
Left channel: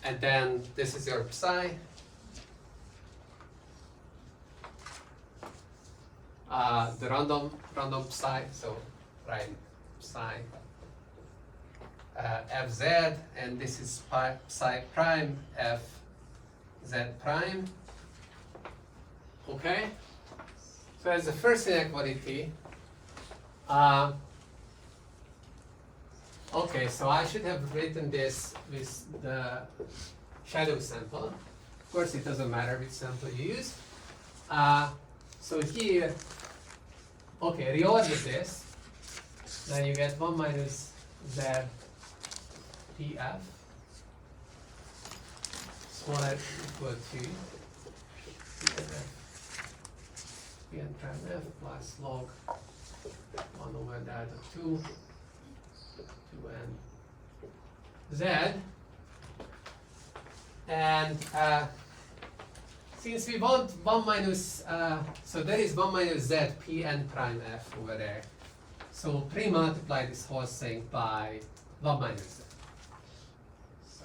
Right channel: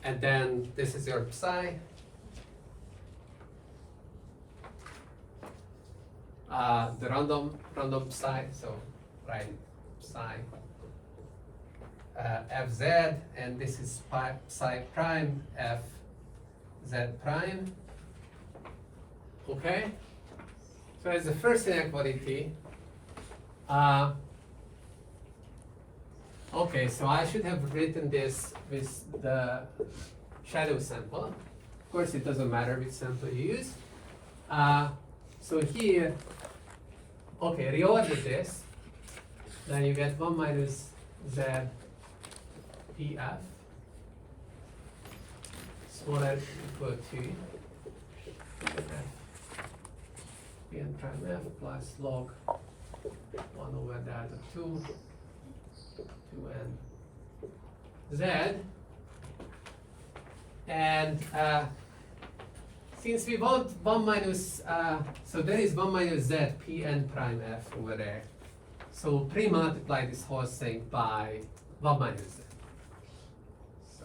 And then this is your psi. The random psi, so prime psi fz, and this is psi prime fz prime. Okay, so as the first inequality, Okay, so I should have written this with the shadow sample. Of course, it doesn't matter which sample you use. So here, okay, reorder this. Then you get 1 minus z pf smaller equal to pn prime f plus log 1 over that of 2 2n z. And since we want 1 minus, so there is 1 minus z pn prime f over there. So pre-multiply this whole thing by 1 minus z. So.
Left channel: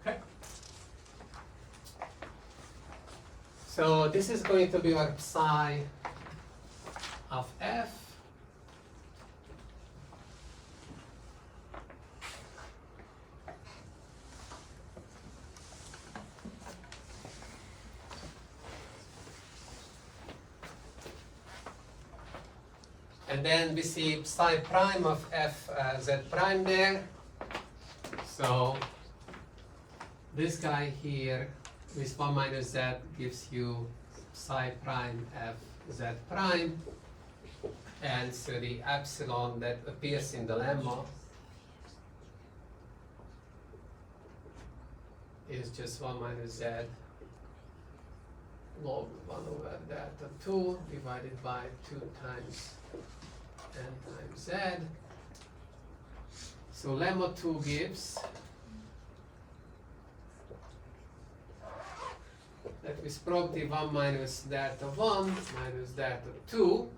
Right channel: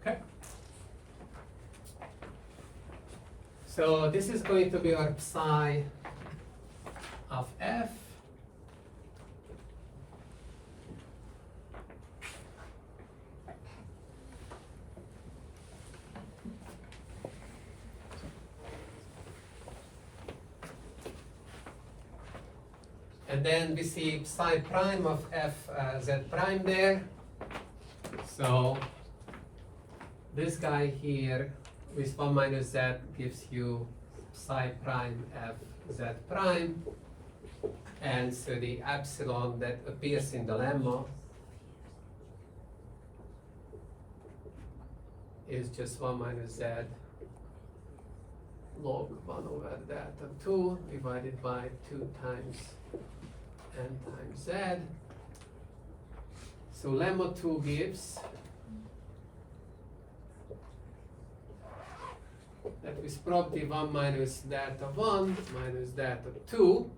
Okay. So this is going to be our psi of f. And then we see psi prime of f z prime there. So this guy here with 1 minus z gives you psi prime f z prime. And so the epsilon that appears in the lemma is just 1 minus z log 1 over that of 2 divided by 2 times n times z. So lemma 2 gives that with property 1 minus that of 1 minus that of 2.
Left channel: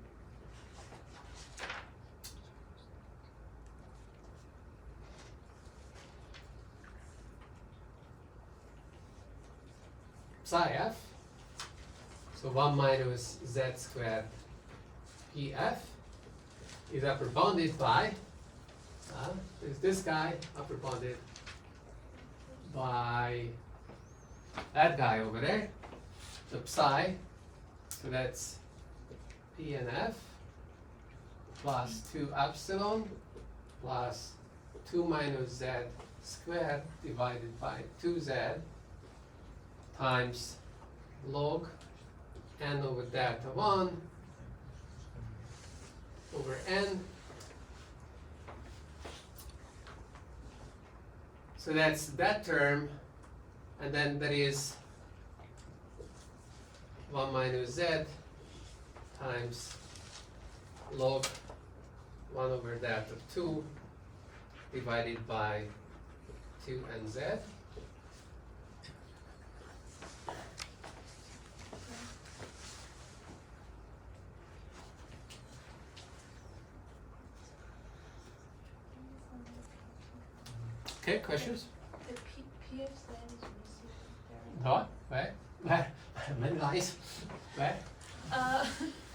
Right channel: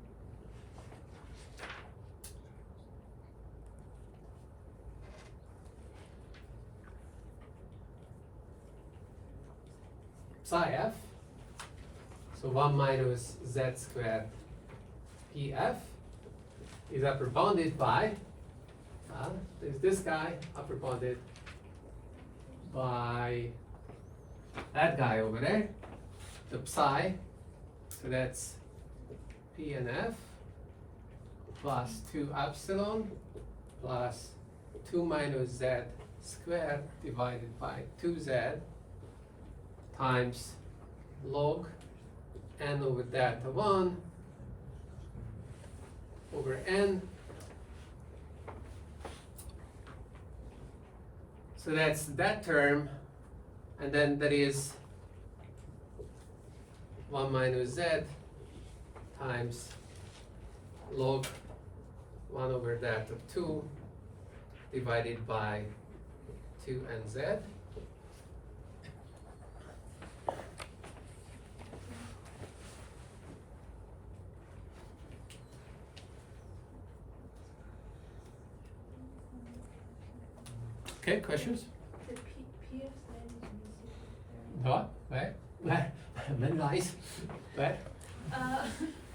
Psi f, so 1 minus z squared pf is upper bounded by, there's this guy upper bounded by that guy over there, the psi, so that's p and f plus 2 epsilon plus 2 minus z squared divided by 2z times log n over that of 1 over n. So that's that term, and then there is 1 minus z times log 1 over that of 2 divided by 2nz. Okay, questions? The PF line is missing What? Where? Where? Many lines. Where? there.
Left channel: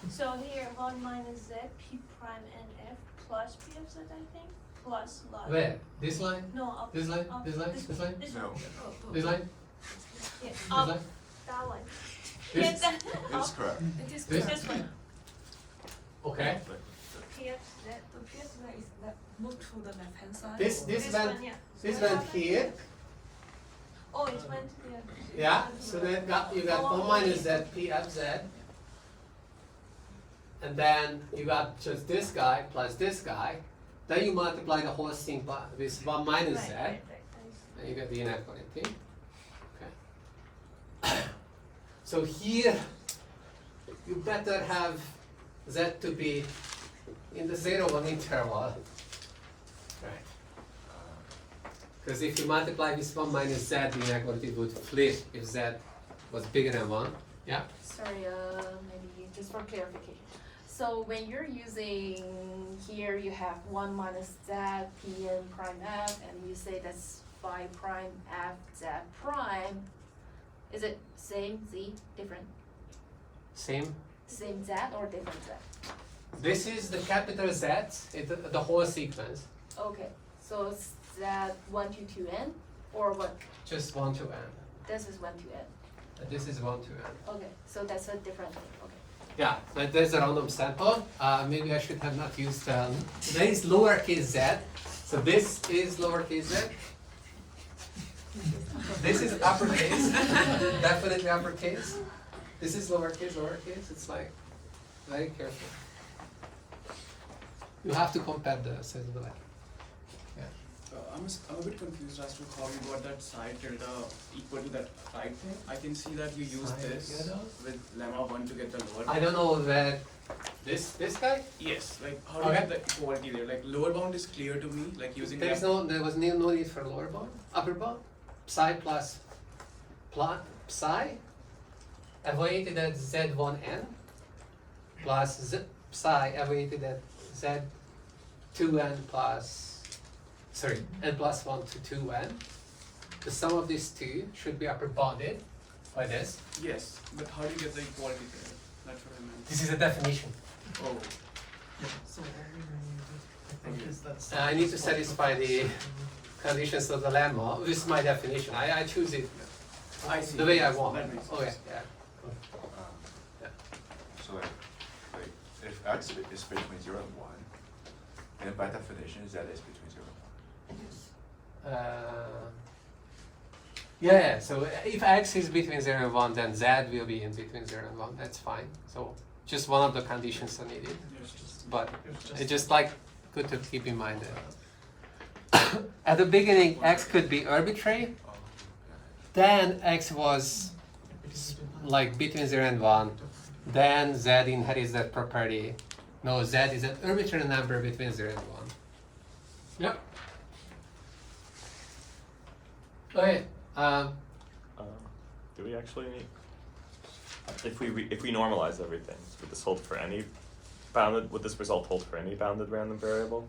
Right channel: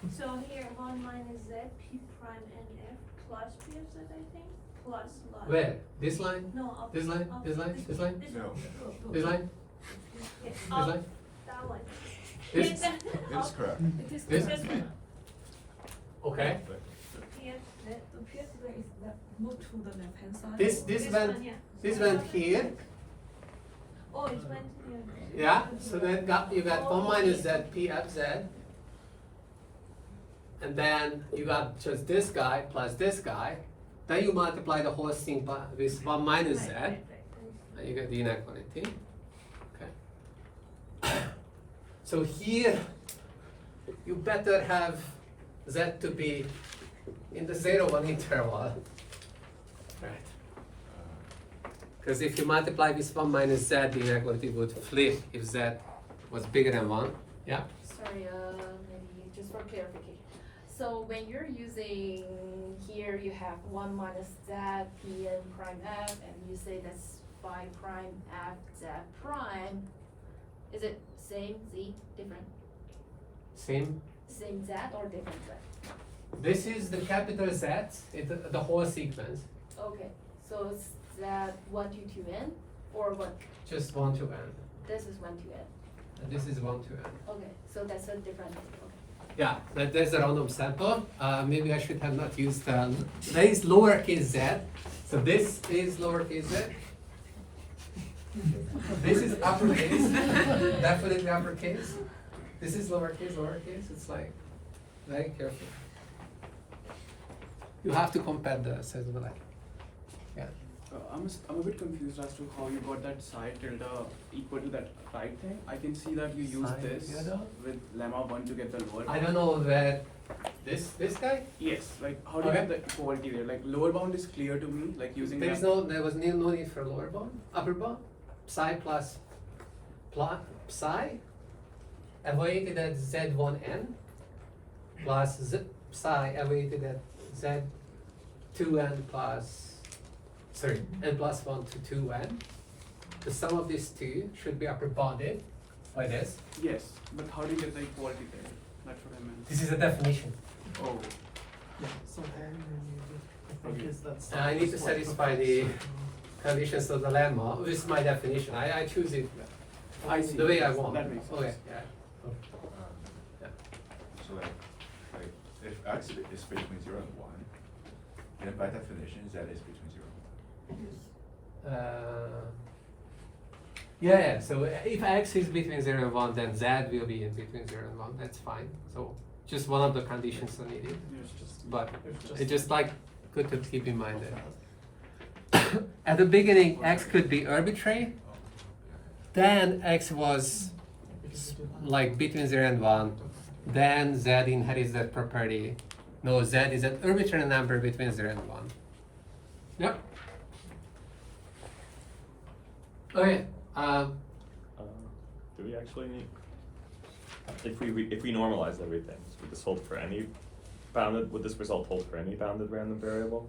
So here 1 minus z p prime n f plus p of z, I think, plus log. Where? This line? No, up. This line? Up, This line? This line? This No. one. This line? Yeah, This up, line? that one. This? Yes, This is up. correct. It is This? correct. This one. Okay. PF z. The PS line is that moved to the left hand side. This went. one, yeah. This went here. Oh, it went here. Yeah. So then you got 1 minus z p f z. And then you got just this guy plus this guy. Then you multiply the whole thing by, with 1 minus z. Right. And you get the inequality. Okay. So here, you better have z to be in the 0-1 interval. Right. Because if you multiply with 1 minus z, the inequality would flip if z was bigger than 1. Yeah? Sorry, maybe just for clarification. So when you're using here, you have 1 minus z p n prime f, and you say that's phi prime f z prime. Is it same z, different? Same. Same z or different z? This is the capital Z, the whole sequence. Okay, so z 1 to 2n, or what? Just 1 to n. This is 1 to n. And this is 1 to n. Okay, so that's a different thing, okay. Yeah, like there's a random sample. Maybe I should have not used, there is lowercase z. So this is lowercase z. This is uppercase, definitely uppercase. This is lowercase. It's like, very careful. You have to compare the size of the letter. Yeah. I'm a bit confused as to how you got that side tilde equal to that right thing. I can see that you use Side this tilde? with lemma 1 to get the lower. I don't know where, this guy? Yes, like how do you Okay. get the equality there? Like lower bound is clear to me, like using There was no need for lower bound, upper bound. Psi plus psi evaluated at z1n plus psi evaluated at z2n plus, sorry, n plus 1 to 2n. The sum of these two should be upper bounded by this. Yes, but how do you get the equality there? That's what I mean. This is a definition. Oh, So Aaron, I think is that. I need to satisfy the conditions of the lemma. This is my definition. I choose it I see. the way I want. That makes Okay, sense. yeah. Yeah. So like if x is between 0 and 1, then by definition z is between 0 and 1. Yeah. So if x is between 0 and 1, then z will be in between 0 and 1. That's fine. So just one of the conditions are needed. But it's just like good to keep in mind that at the beginning x could be arbitrary. Then x was like between 0 and 1. Then z inherits that property. No, z is an arbitrary number between 0 and 1. Yep. Okay. Do we actually need, if we normalize everything, would this hold for any would this result hold for any bounded random variable?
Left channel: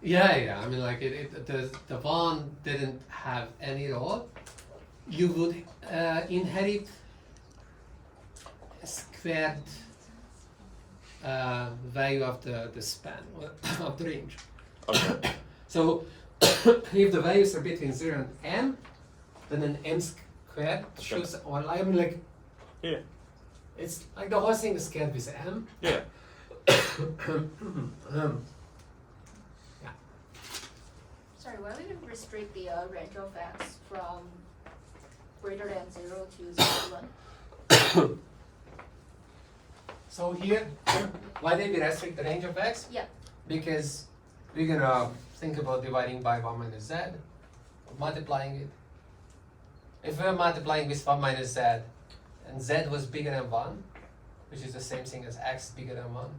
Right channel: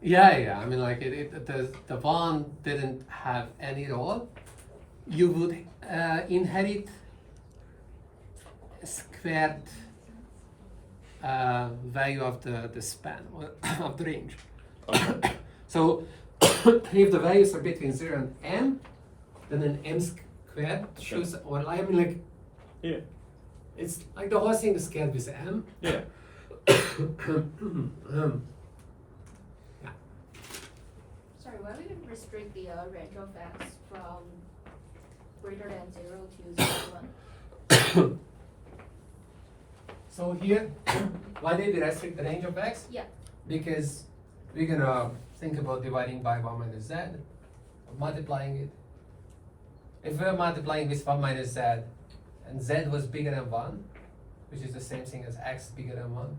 Yeah. I mean, like the one didn't have any role. You would inherit squared value of the span of the range. Okay. So if the values are between 0 and n, then an m squared shows. Well, I mean, like Yeah. it's like the whole thing is squared with m. Yeah. Sorry, why would you restrict the range of x from greater than 0 to 1? So here, why did we restrict the range of x? Yeah. Because we're gonna think about dividing by 1 minus z, multiplying it. If we're multiplying with 1 minus z, and z was bigger than 1, which is the same thing as x bigger than 1,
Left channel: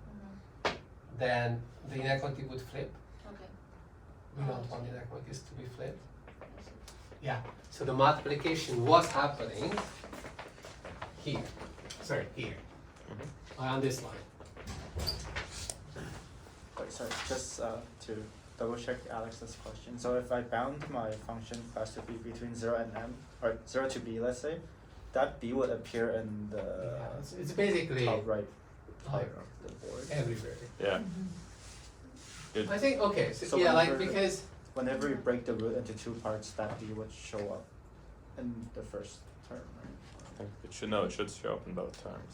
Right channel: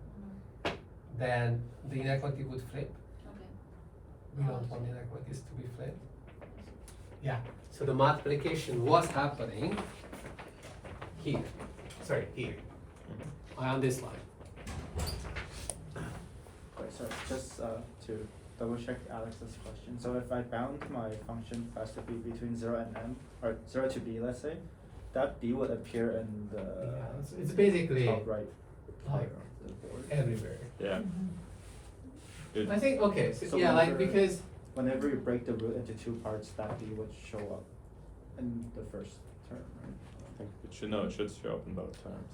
then the inequality would flip. Okay. We don't want inequalities to be flipped. Yeah, so the multiplication was happening here. Sorry, here. On this line. Wait, sorry, just to double check Alex's question. So if I bound my function to be between 0 and n, or 0 to b, let's say, that b would appear in the Yeah, it's basically top right like corner of the board. everywhere. Yeah. It- I think, okay, so So yeah, like whenever- because, Whenever you break the root into two parts, that b would show up in the first term, right? it should show up in both terms.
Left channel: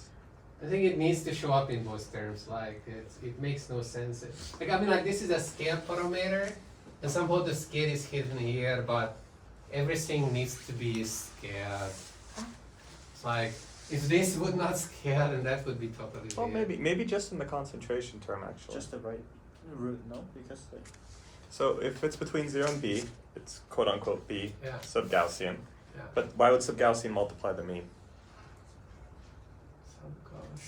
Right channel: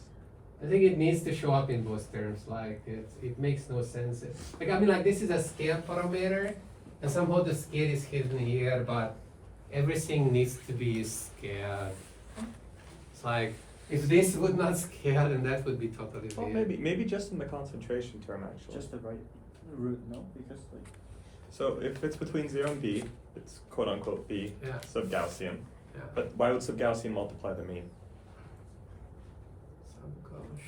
I think it needs to show up in both terms, like it makes no sense. Like, I mean, like this is a scale parameter, and somehow the scale is hidden here, but everything needs to be scaled. It's like, if this would not scale, then that would be totally Well, weird. maybe just in the concentration term actually. Just the right root, no? Because like, So if it's between 0 and b, it's quote unquote b, Yeah. sub-Gaussian. Yeah. But why would sub-Gaussian multiply the mean?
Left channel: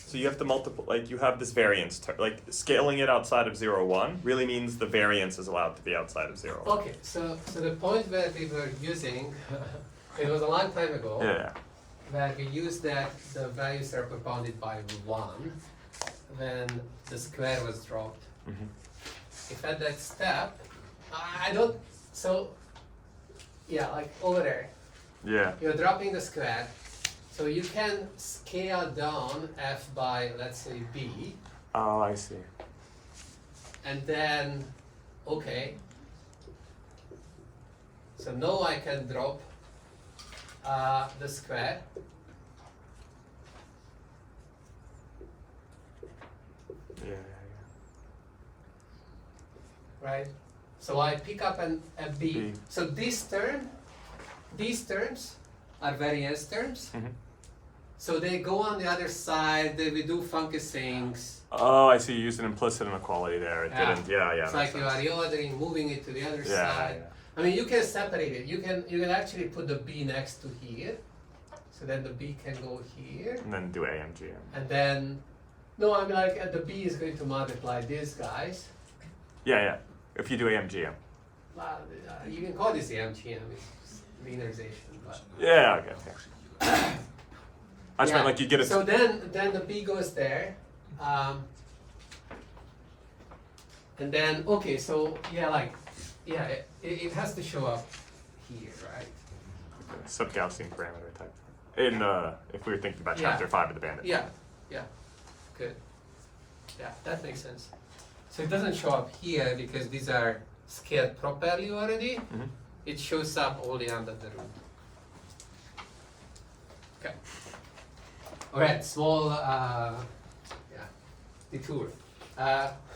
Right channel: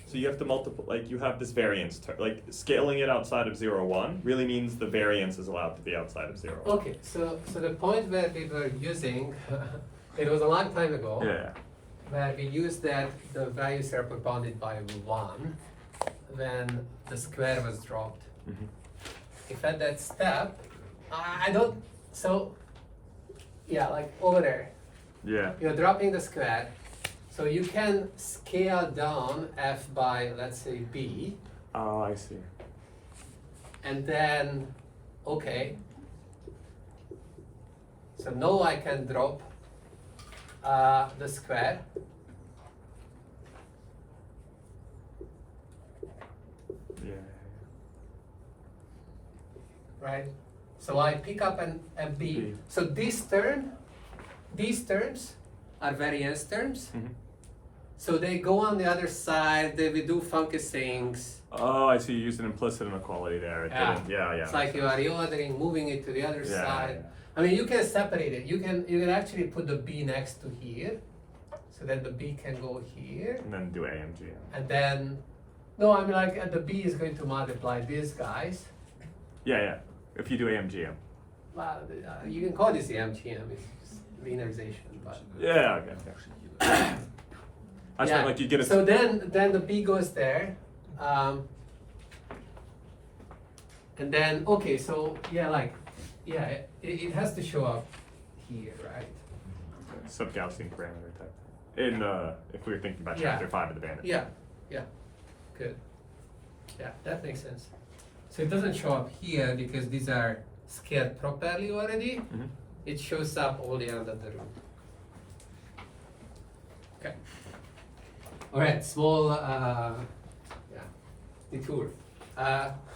So you have to multiply, like you have this variance term, like scaling it outside of 0, 1 really means the variance is allowed to be outside of 0. Okay, so the point where we were using, it was a long time ago. Yeah. Where we used that the values are bounded by 1 when the square was dropped. Mhm. If at that step, I don't, so, yeah, like over there, Yeah. you're dropping the square, so you can scale down f by, let's say, b, Oh, I see. and then, okay. So now I can drop the square. Yeah. Right? So I pick up a b. B. So these terms are variance terms. Mhm. So they go on the other side, they will do funky things. Oh, I see. You used an implicit inequality there. It didn't. Yeah, yeah. It's makes like you are sense. reordering, moving it to the other Yeah, side. yeah. I mean, you can separate it. You can actually put the b next to here, so then the b can go here, And then do AMG. and then no, I mean like the b is going to multiply these guys. Yeah, yeah. If you do AMGM. Well, you can call this the MGM, it's linearization, but. Yeah, okay, okay. I just meant like you get a. So then the b goes there, and then okay, so yeah, like yeah, it has to show up here, right? Sub-Gaussian parameter type. In if we were thinking about Yeah. chapter 5 of the bandit. Yeah, good. Yeah, that makes sense. So it doesn't show up here because these are scaled properly already. Mhm. It shows up only under the root. Okay. Alright, small detour.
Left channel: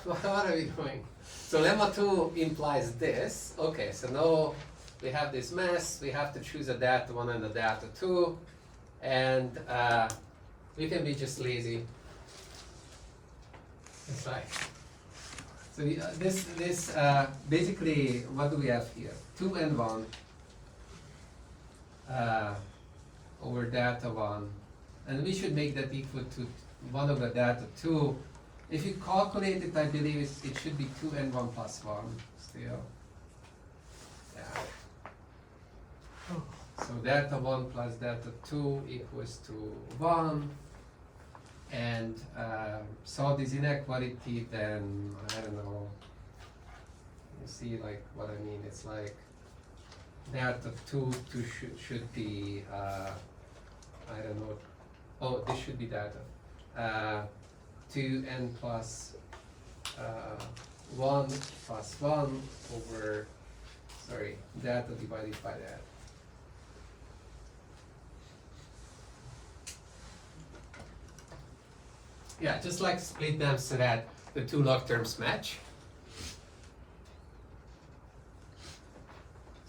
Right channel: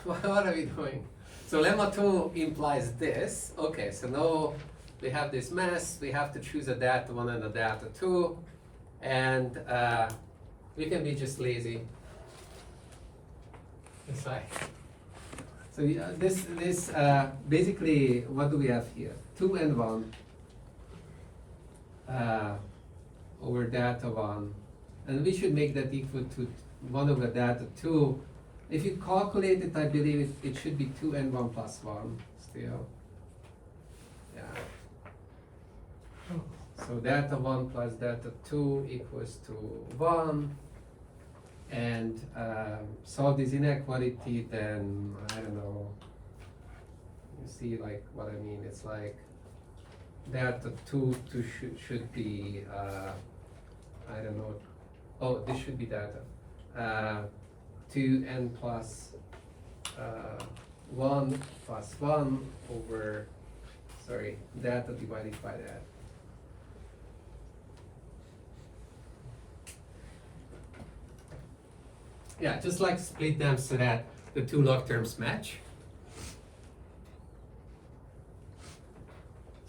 What are we doing? So lemma 2 implies this. Okay, so now we have this mess, we have to choose a delta 1 and a delta 2, and we can be just lazy. It's like, so this basically, what do we have here? 2 and 1 over delta 1, and we should make that equal to 1 over delta 2. If you calculate it, I believe it should be 2 and 1 plus 1 still. Yeah. So delta 1 plus delta 2 equals to 1. And solve this inequality, then I don't know. You see, like what I mean? It's like delta 2 should be I don't know. Oh, this should be delta 2n plus 1 plus 1 over delta divided by that. Yeah, just like split them so that the two log terms match.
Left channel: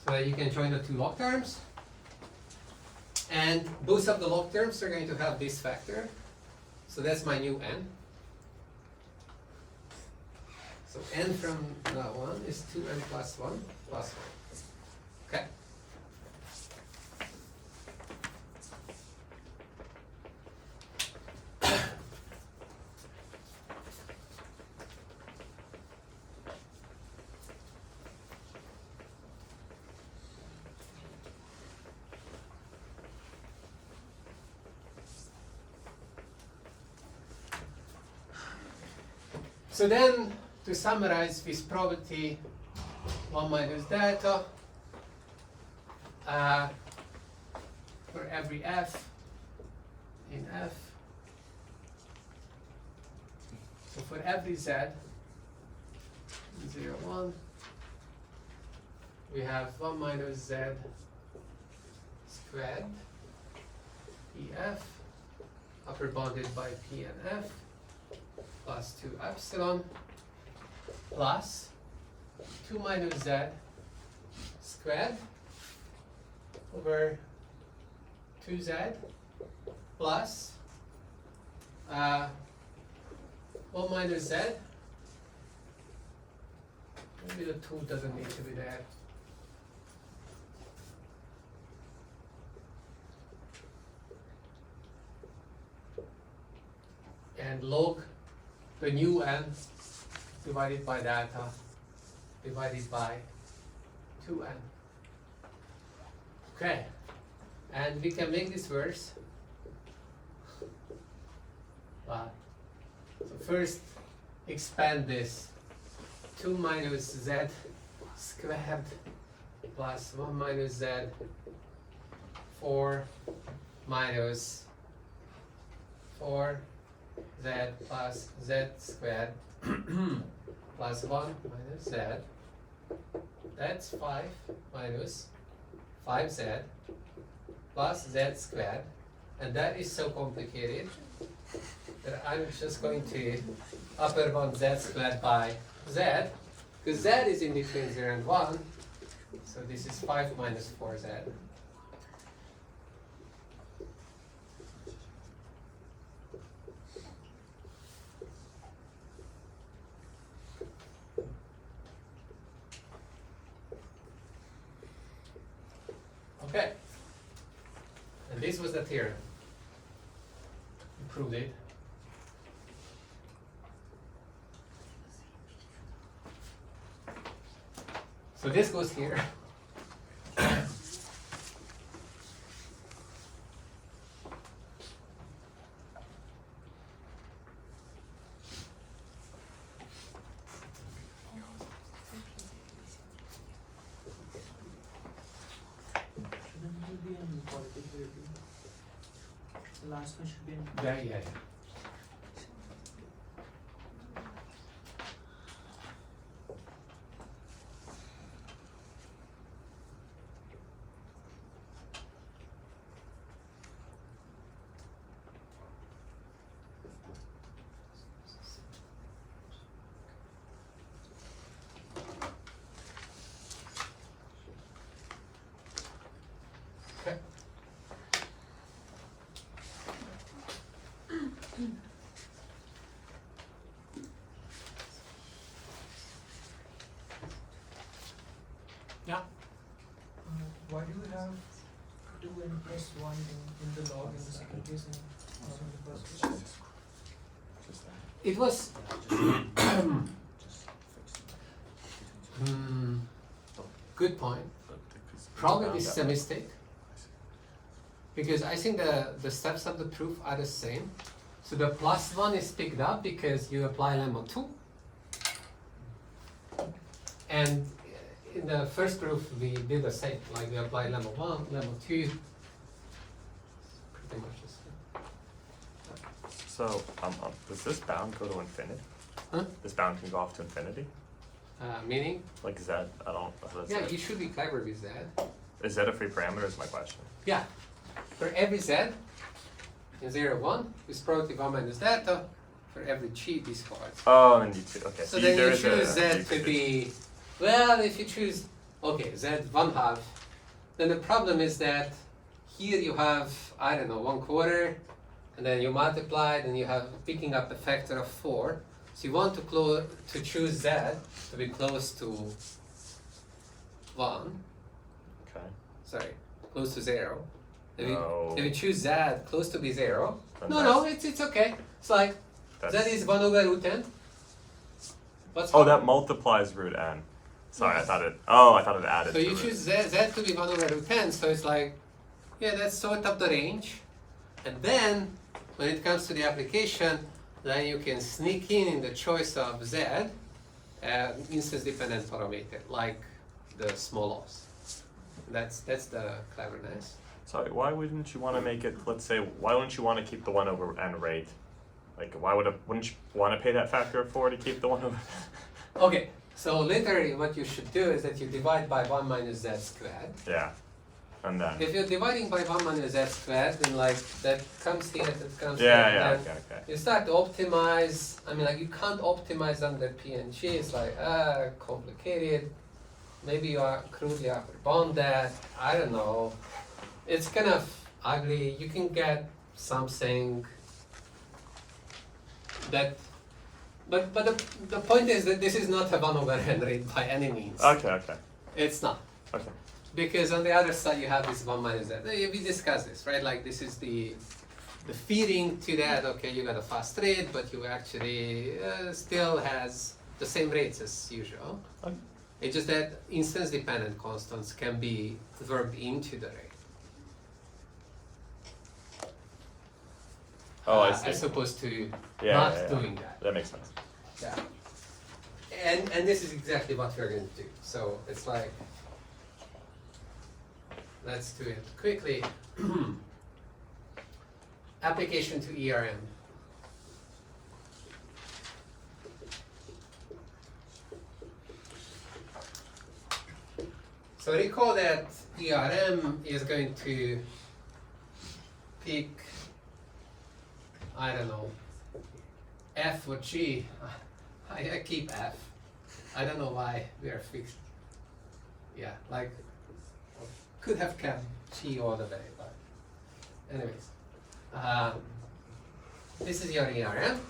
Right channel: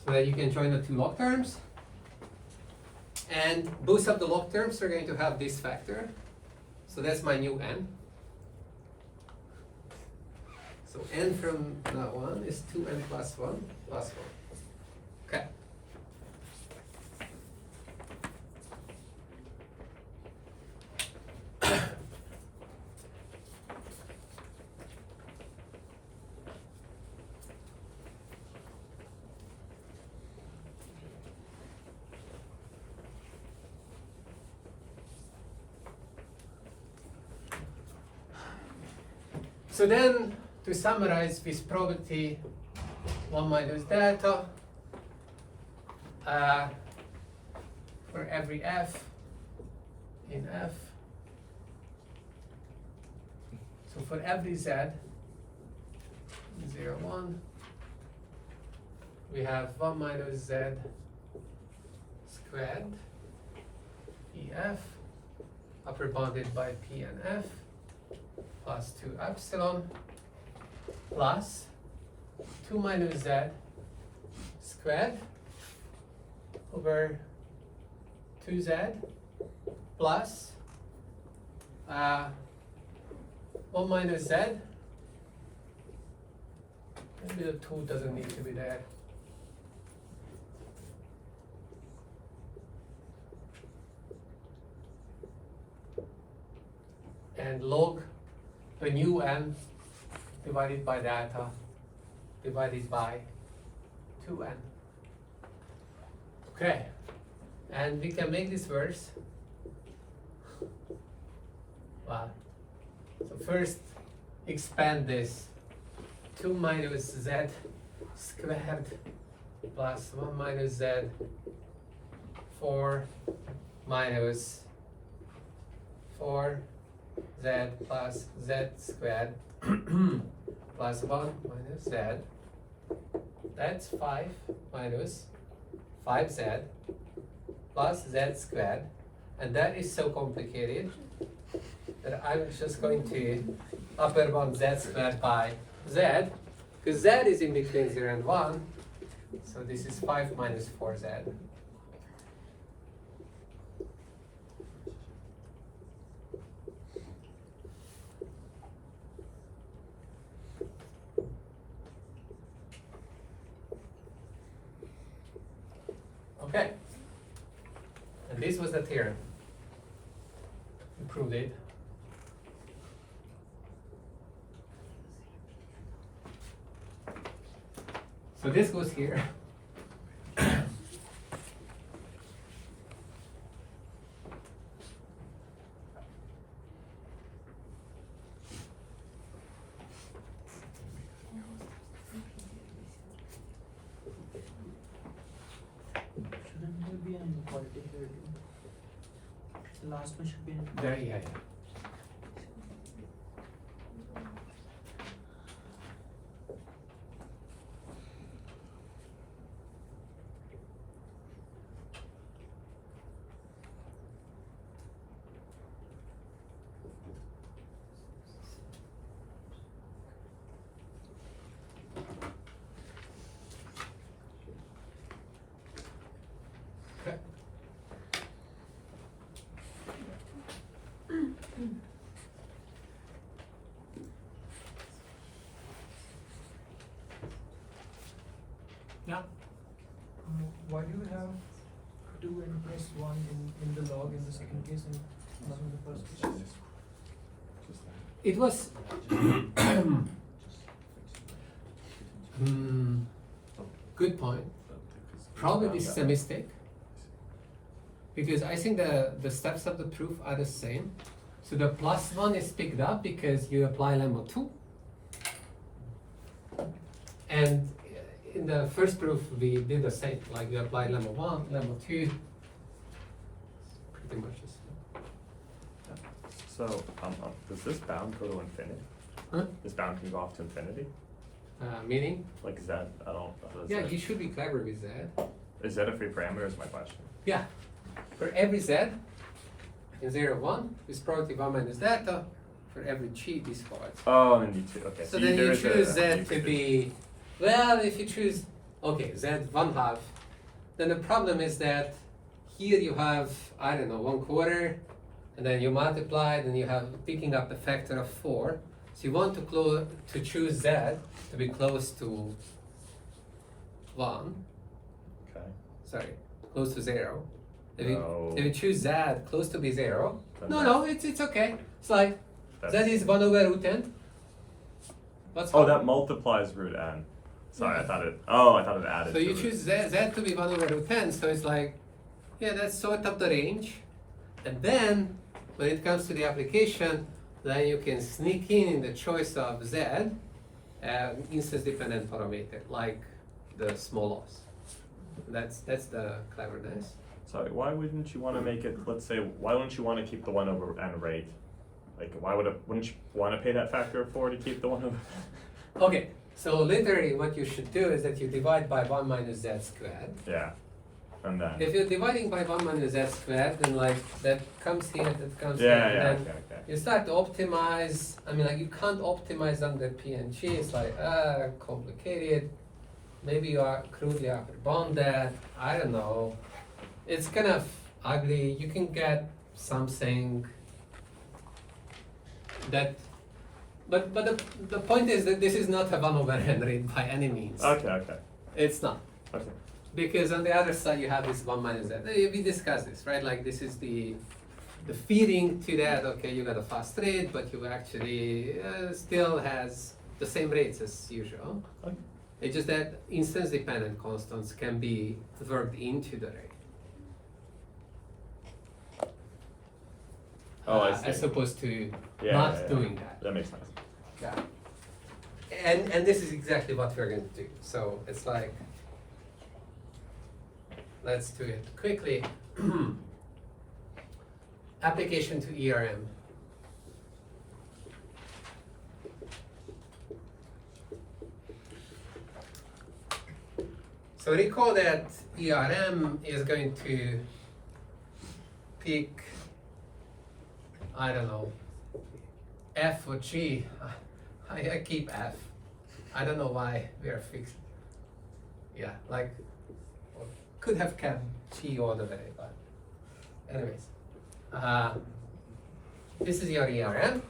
So that you can join the two log terms. And both of the log terms are going to have this factor. So that's my new n. So n from now on is 2n plus 1 plus 1. Okay. So then, to summarize this property, 1 minus delta for every f in f. So for every z, 0, 1, we have 1 minus z squared pf, upper bounded by p and f, plus 2 epsilon, plus 2 minus z squared over 2z plus 1 minus z. Maybe the 2 doesn't need to be there. And log the new n divided by delta divided by 2n. Okay, and we can make this worse. Wow. So first expand this 2 minus z squared plus 1 minus z 4 minus 4 z plus z squared plus 1 minus z. That's 5 minus 5z plus z squared, and that is so complicated that I'm just going to upper bound z squared by z, because z is in between 0 and 1, so this is 5 minus 4z. Okay, and this was the theorem. We proved it. So this goes here. Shouldn't there be an inequality here? The last one should be an There, yeah, yeah. Okay. Yeah. Why do you have 2 and plus 1 in the log in the second case and not in the first case? It was good point. Probably this is a mistake, because I think the steps of the proof are the same. So the plus 1 is picked up because you apply lemma 2. And in the first proof we did the same, like we applied lemma 1, lemma 2. Pretty much the same. So, does this bound go to infinity? Huh? This bound can go off to infinity? Meaning? Like, is that at all? Yeah, you should be clever with that. Is that a free parameter is my question. Yeah. For every z in 0, 1, is probably 1 minus that. For every g, this part. Oh, and you choose, okay. So you- then there you is a- choose z you to could- be, well, if you choose, okay, z 1/2, then the problem is that here you have, I don't know, 1/4, and then you multiply, then you have picking up a factor of 4. So you want to choose z to be close to 1, Okay. sorry, close to 0. If you, No. if you choose z close to be 0, Then no, it's okay. It's like, z That's- is 1 over root n. What's Oh, wrong? that multiplies root n. Sorry, I thought it added. So to you root. choose z to be 1 over root 10, so it's like, yeah, that's sort of the range. And then, when it comes to the application, then you can sneak in the choice of z, instance-dependent parameter, like the small loss. That's the cleverness. Sorry, why wouldn't you want to make it? Let's say, why wouldn't you want to keep the 1 over n rate? Like, wouldn't you want to pay that factor of 4 to keep the 1 over? Okay, so literally what you should do is that you divide by 1 minus z squared. Yeah, and then. If you're dividing by 1 minus z squared, then like that comes here, that comes here, Yeah, and yeah, then okay. you start to optimize. I mean, like you can't optimize under PNG. It's like complicated. Maybe you are crudely upper bound that. I don't know. It's kind of ugly. You can get something that. But the point is that this is not a 1 over n rate by any means. Okay. It's not. Okay. Because on the other side you have this 1 minus that. We discussed this, right? Like this is the feeding to that. Okay, you got a fast rate, but you actually still has the same rates as usual. Okay. It's just that instance-dependent constants can be worked into the rate. Oh, I see. As opposed to Yeah, not yeah. doing that. That makes sense. Yeah. And this is exactly what we're going to do. So it's like, let's do it quickly. Application to ERM. So recall that ERM is going to pick, I don't know, F or G. I keep F. I don't know why we are fixed. Yeah, like, could have kept G all the way, but anyways. This is your ERM.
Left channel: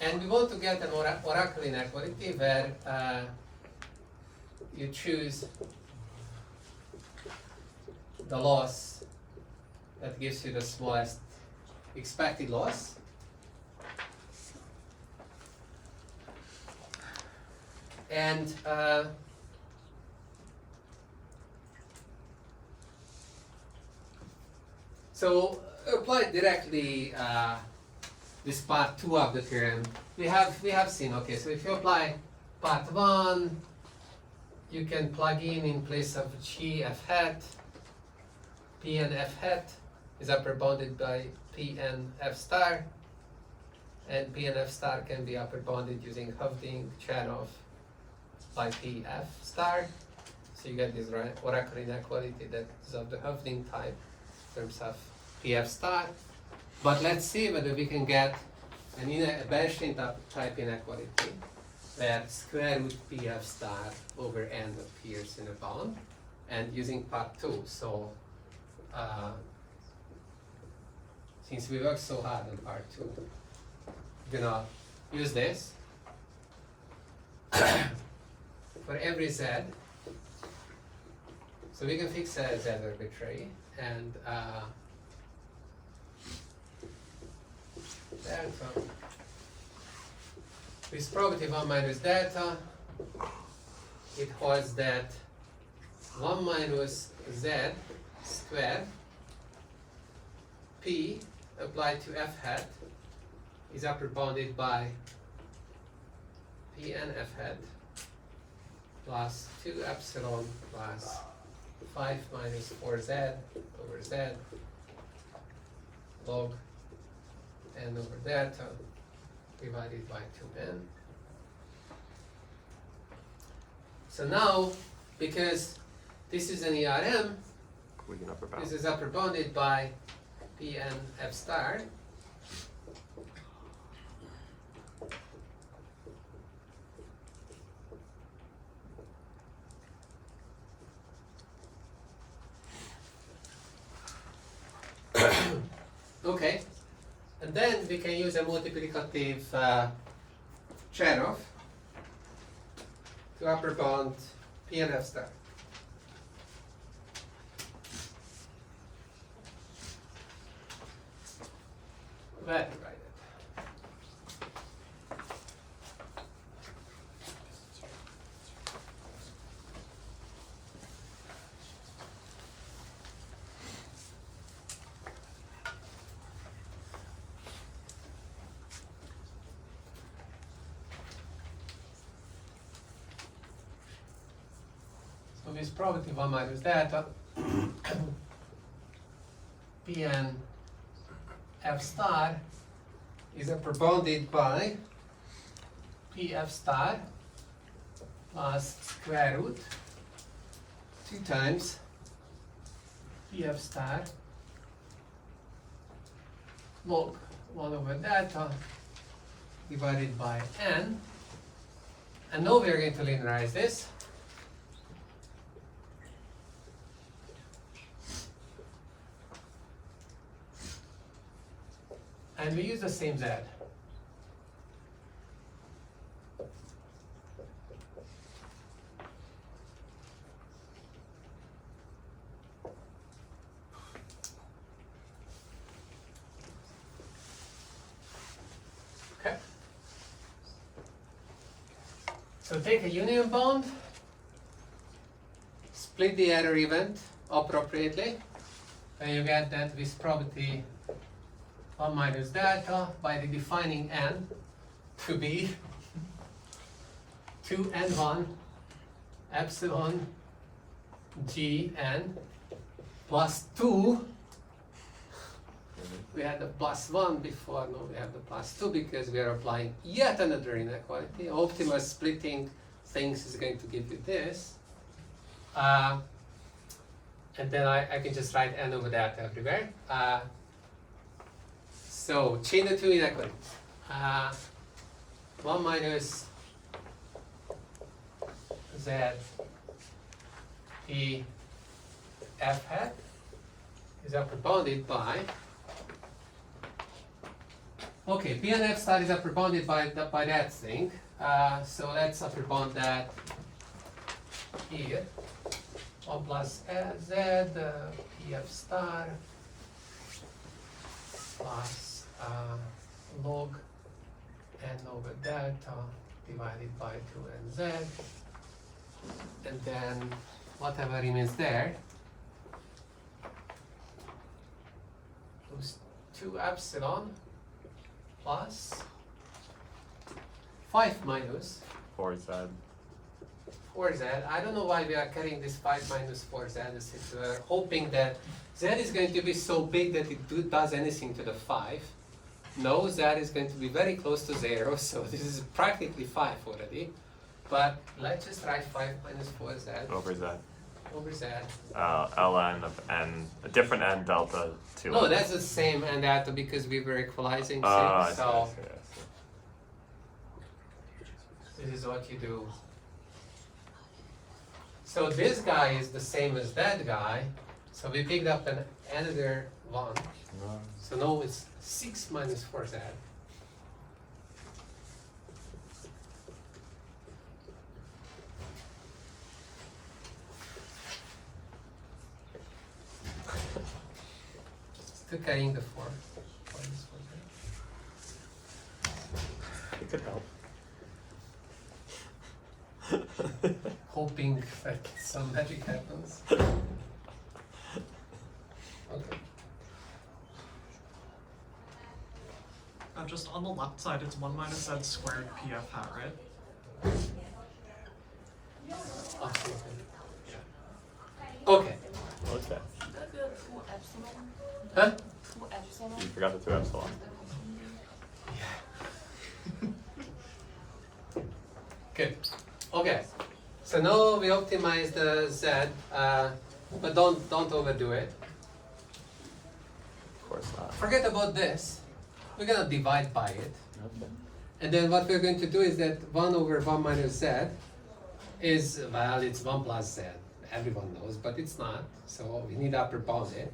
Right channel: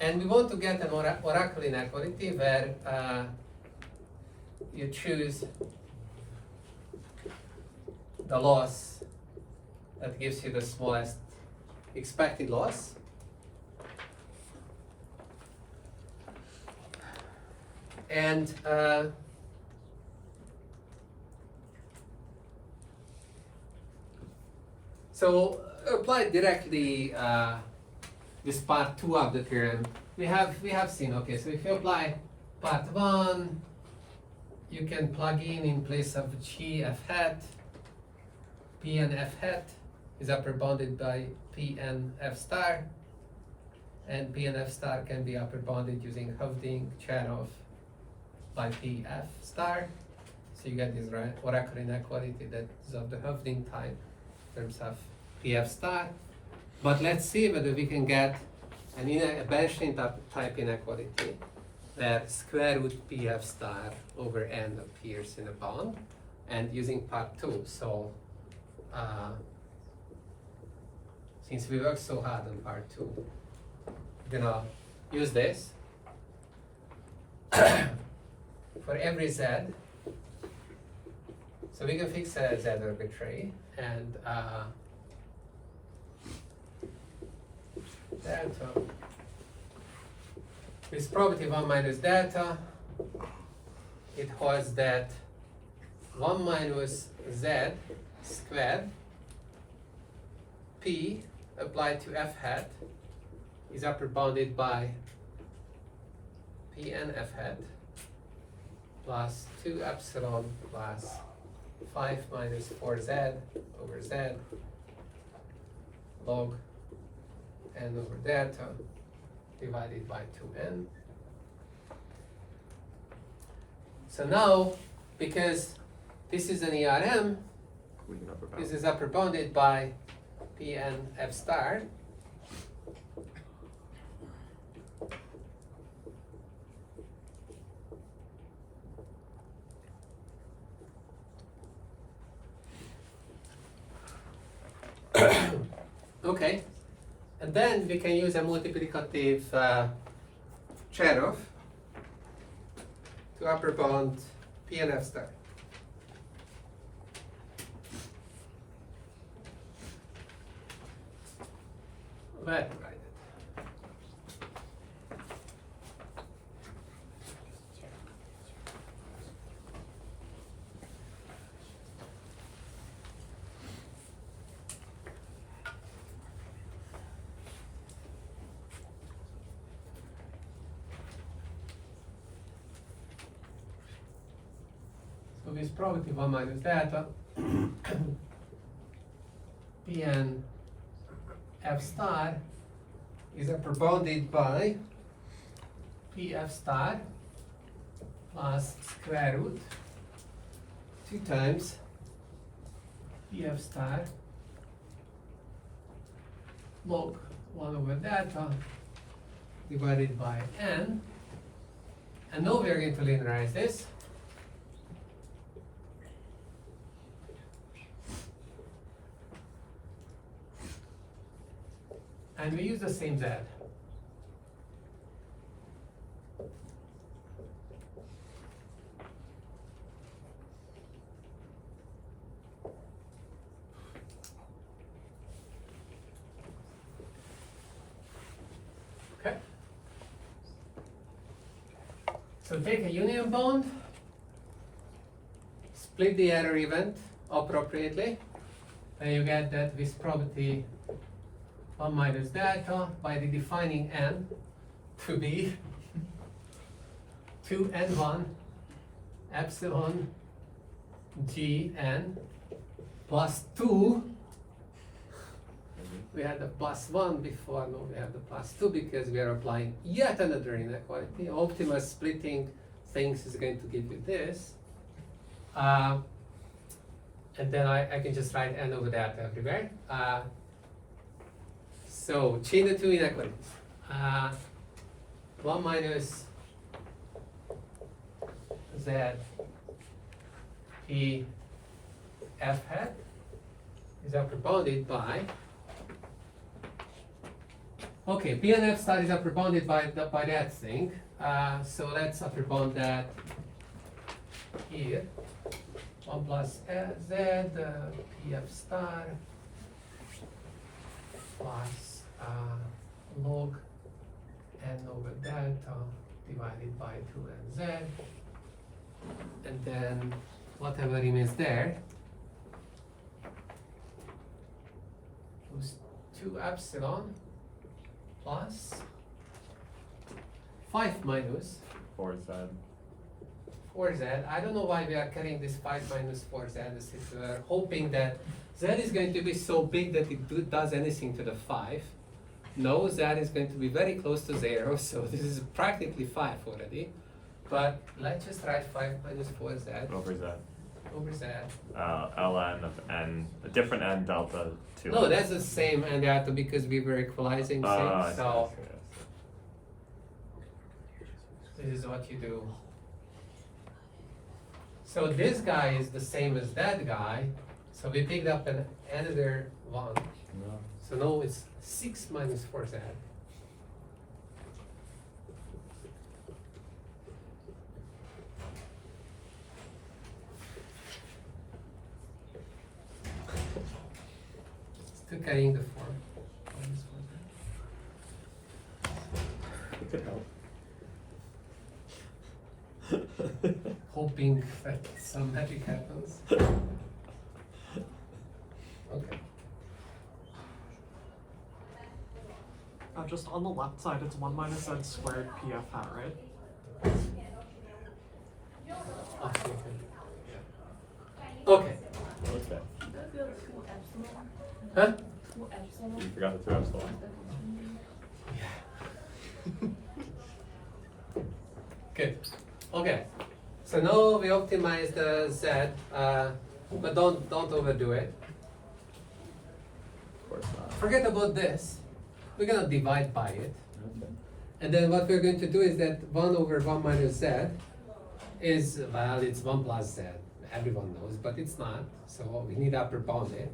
And we want to get an oracle inequality where you choose the loss that gives you the smallest expected loss. And so apply directly this part 2 of the theorem. We have seen, okay, so if you apply part 1, you can plug in place of G f hat, P and f hat is upper bounded by P and f star, and P and f star can be upper bounded using Hovding Cherov by P f star. So you get this oracle inequality that is of the Hovding type in terms of P f star. But let's see whether we can get a Bernstein type inequality where square root P f star over n appears in a bound, and using part 2. So since we worked so hard on part 2, we're gonna use this for every z. So we can fix a z arbitrary, and delta with probability 1 minus delta, it holds that 1 minus z squared p applied to f hat is upper bounded by p and f hat plus 2 epsilon plus 5 minus 4z over z log n over delta divided by 2n. So now, because this is an ERM, We can upper bound. this is upper bounded by P and F star. Okay, and then we can use a multiplicative Cherov to upper bound P and F star. Well divided. So with probability 1 minus delta, P and F star is upper bounded by P F star plus square root 2 times P F star log 1 over delta divided by n. And now we are going to linearize this. And we use the same z. Okay. So take a union bound, split the error event appropriately, and you get that with probability 1 minus delta by the defining n to be 2n1 epsilon gn plus 2. We had the plus 1 before, now we have the plus 2 because we are applying yet another inequality. Optimal splitting things is going to give you this. And then I can just write n over that everywhere. So chain the two inequalities. 1 minus z p f hat is upper bounded by, okay, p and f star is upper bounded by that thing. So let's upper bound that here. 1 plus z p f star plus log n over delta divided by 2nz, and then whatever remains there, those 2 epsilon plus 5 minus 4z. 4z. I don't know why we are carrying this 5 minus 4z, since we are hoping that z is going to be so big that it does anything to the 5. No, z is going to be very close to 0, so this is practically 5 already. But let's just write 5 minus 4z Over z. over z. Ln of n, a different n delta 2. No, that's the same and that because we were equalizing things, so this is what you do. So this guy is the same as that guy, so we picked up another one. So now it's 6 minus 4z. Still carrying the form. It could help. Hoping that some magic happens. Okay. Just on the left side, it's 1 minus z squared pf hat, right? Absolutely. Okay. Okay. That's the 2 epsilon. Huh? 2 epsilon. You forgot the 2 epsilon. Good. Okay. So now we optimize the z, but don't overdo it. Of course not. Forget about this. We're gonna divide by it, Okay. and then what we're going to do is that 1 over 1 minus z is, well, it's 1 plus z. Everyone knows, but it's not. So we need upper bound it.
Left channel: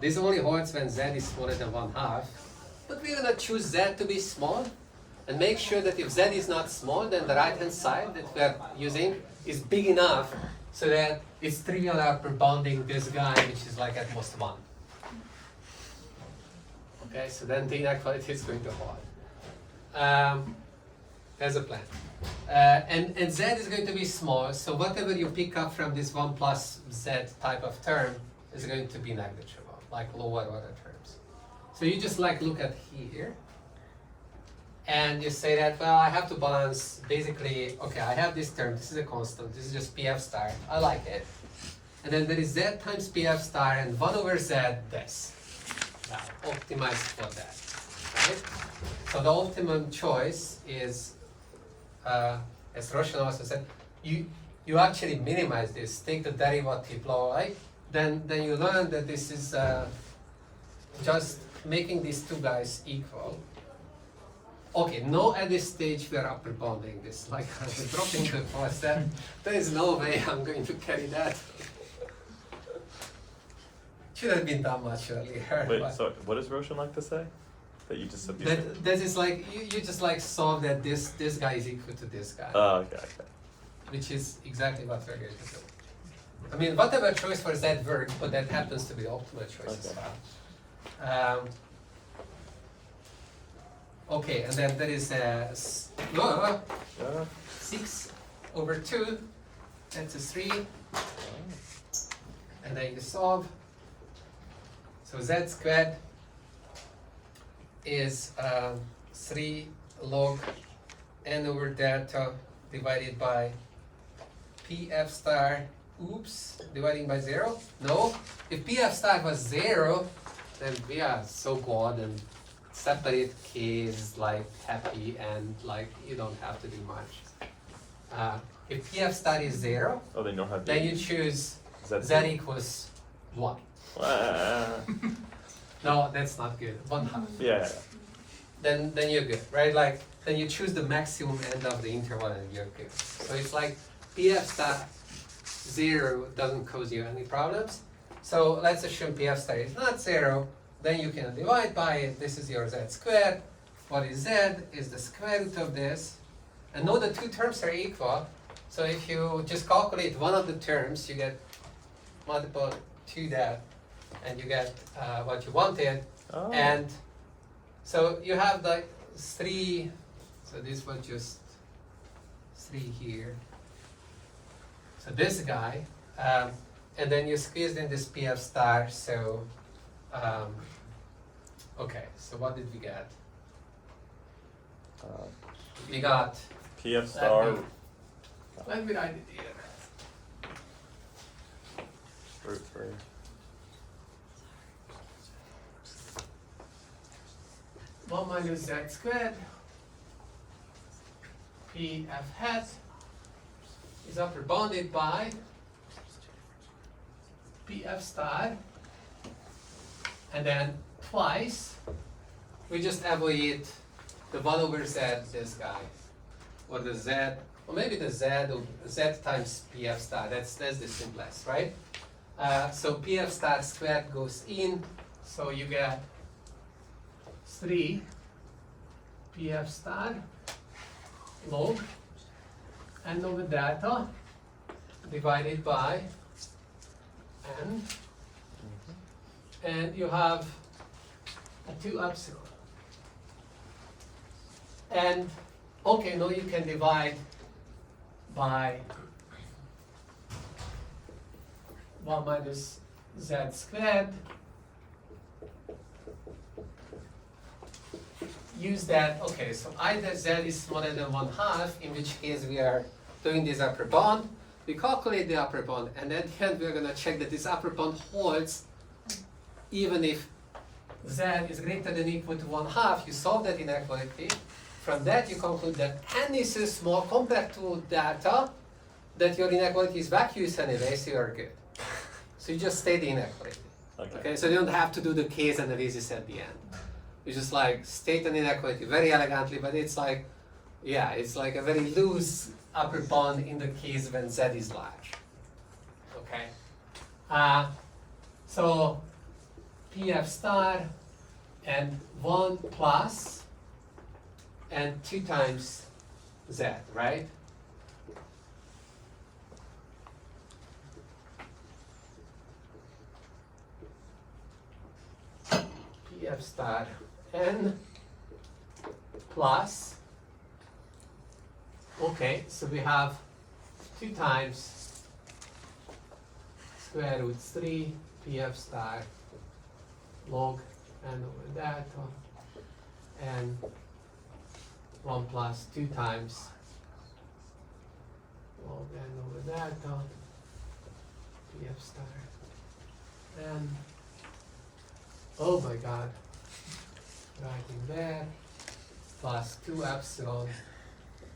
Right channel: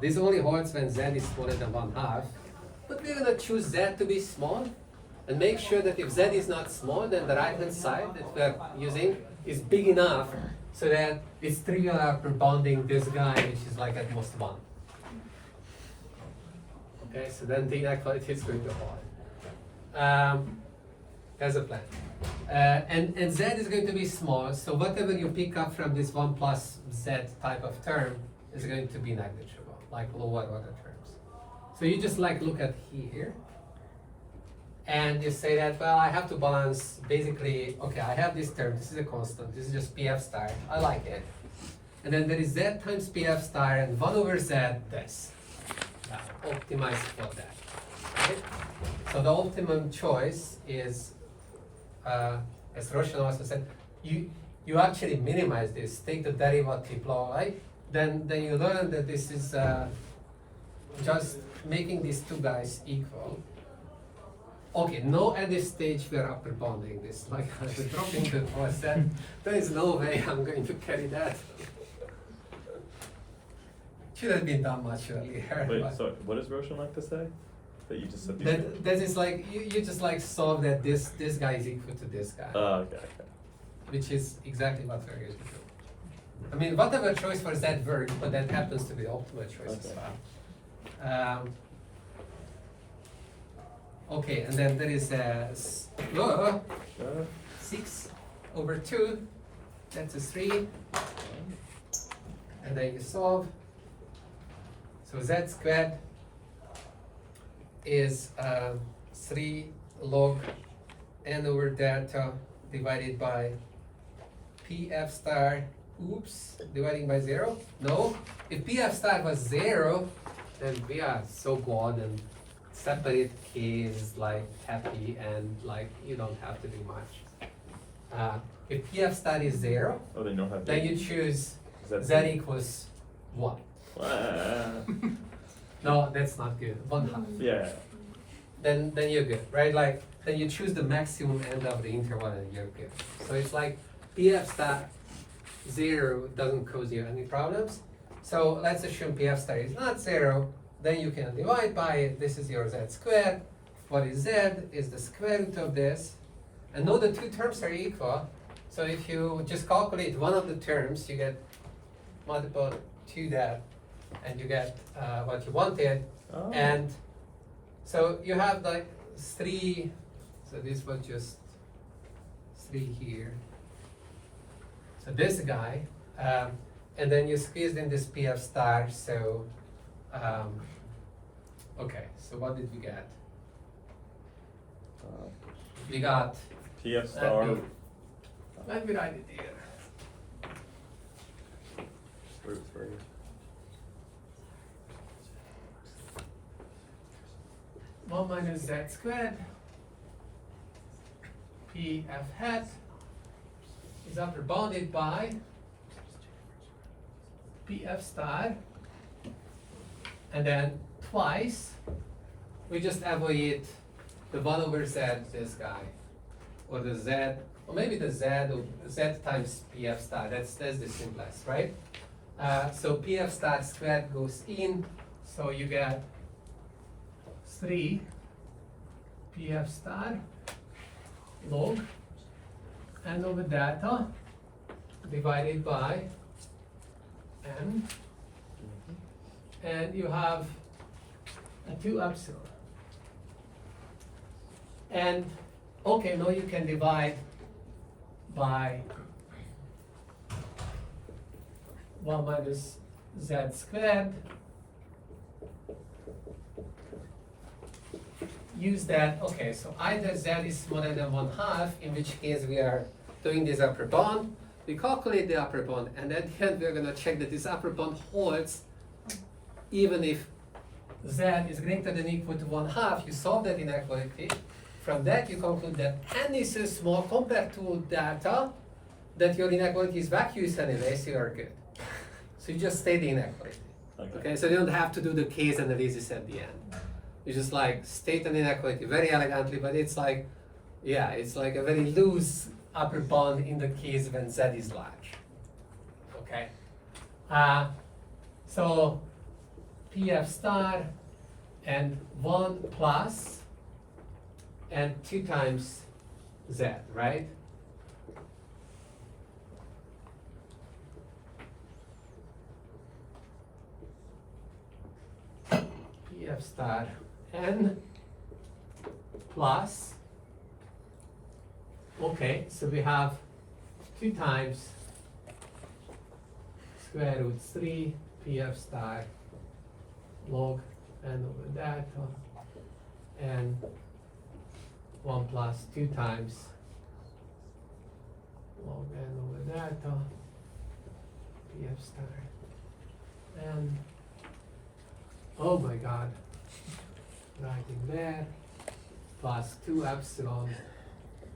This only holds when z is smaller than 1/2. But we're gonna choose z to be small, and make sure that if z is not small, then the right hand side that we're using is big enough so that it's trivial upper bounding this guy, which is like at most 1. Okay, so then the inequality is going to hold. There's a plan. And z is going to be small, so whatever you pick up from this 1 plus z type of term is going to be negligible, like lower order terms. So you just like look at here, and you say that, well, I have to balance basically, okay, I have this term, this is a constant, this is just pf star, I like it. And then there is z times pf star and 1 over z this. Now, optimize for that, right? So the optimum choice is, as Roshan also said, you actually minimize this, take the derivative law, right? Then you learn that this is just making these two guys equal. Okay, no, at this stage we are upper bounding this, like dropping the force, that there is no way I'm going to carry that. Should have been done much earlier. Wait, but- so what does Roshan like to say? That you just substitute? that is like you just like solve that this guy is equal to this guy, Okay. which is exactly what we're going to do. I mean, whatever choice for z works, but that happens to be the optimal choice as Okay. well. Okay, and then there is a 6 over 2. That's a 3, and then you solve. So z squared is 3 log n over delta divided by pf star, oops, dividing by 0? No, if pf star was 0, then we are so good, and separate k is like happy, and like you don't have to do much. If pf star is 0, Oh, then you don't have then you choose Z z equals 1. Ah, No, that's not good. 1/2. yeah. Then you're good, right? Like then you choose the maximum end of the interval and you're good. So it's like PF star 0 doesn't cause you any problems. So let's assume PF star is not 0, then you can divide by it. This is your z squared. What is z is the square root of this. And know the two terms are equal. So if you just calculate one of the terms, you get multiple to that, and you get what you wanted. Oh. And so you have like 3, so this was just 3 here. So this guy, and then you squeezed in this PF star, so, okay, so what did we get? We got, PF star. let me write it here. Root 3. One minus z squared, PF hat is upper bounded by PF star, and then twice, we just avoid the 1 over z, this guy, or the z, or maybe the z, or z times PF star, that's the simplest, right? So PF star squared goes in, so you get 3 PF star log n over delta divided by n, and you have a 2 epsilon. And okay, now you can divide by 1 minus z squared. Use that, okay, so either z is smaller than 1/2, in which case we are doing this upper bound. We calculate the upper bound, and at the end we're gonna check that this upper bound holds even if z is greater than or equal to 1/2. You solve that inequality. From that you conclude that n is so small compared to data that your inequality is vacuous anyway, so you're good. So you just state the inequality. Okay, so you don't have to do the case analysis at the end. You just like state an inequality very elegantly, but it's like, yeah, it's like a very loose upper bound in the case when z is large. Okay. So PF star and 1 plus and 2 times z, right? PF star n plus, okay, so we have 2 times square root 3 PF star log n over delta, and 1 plus 2 times log n over delta PF star, and oh my god, writing there, plus 2 epsilon,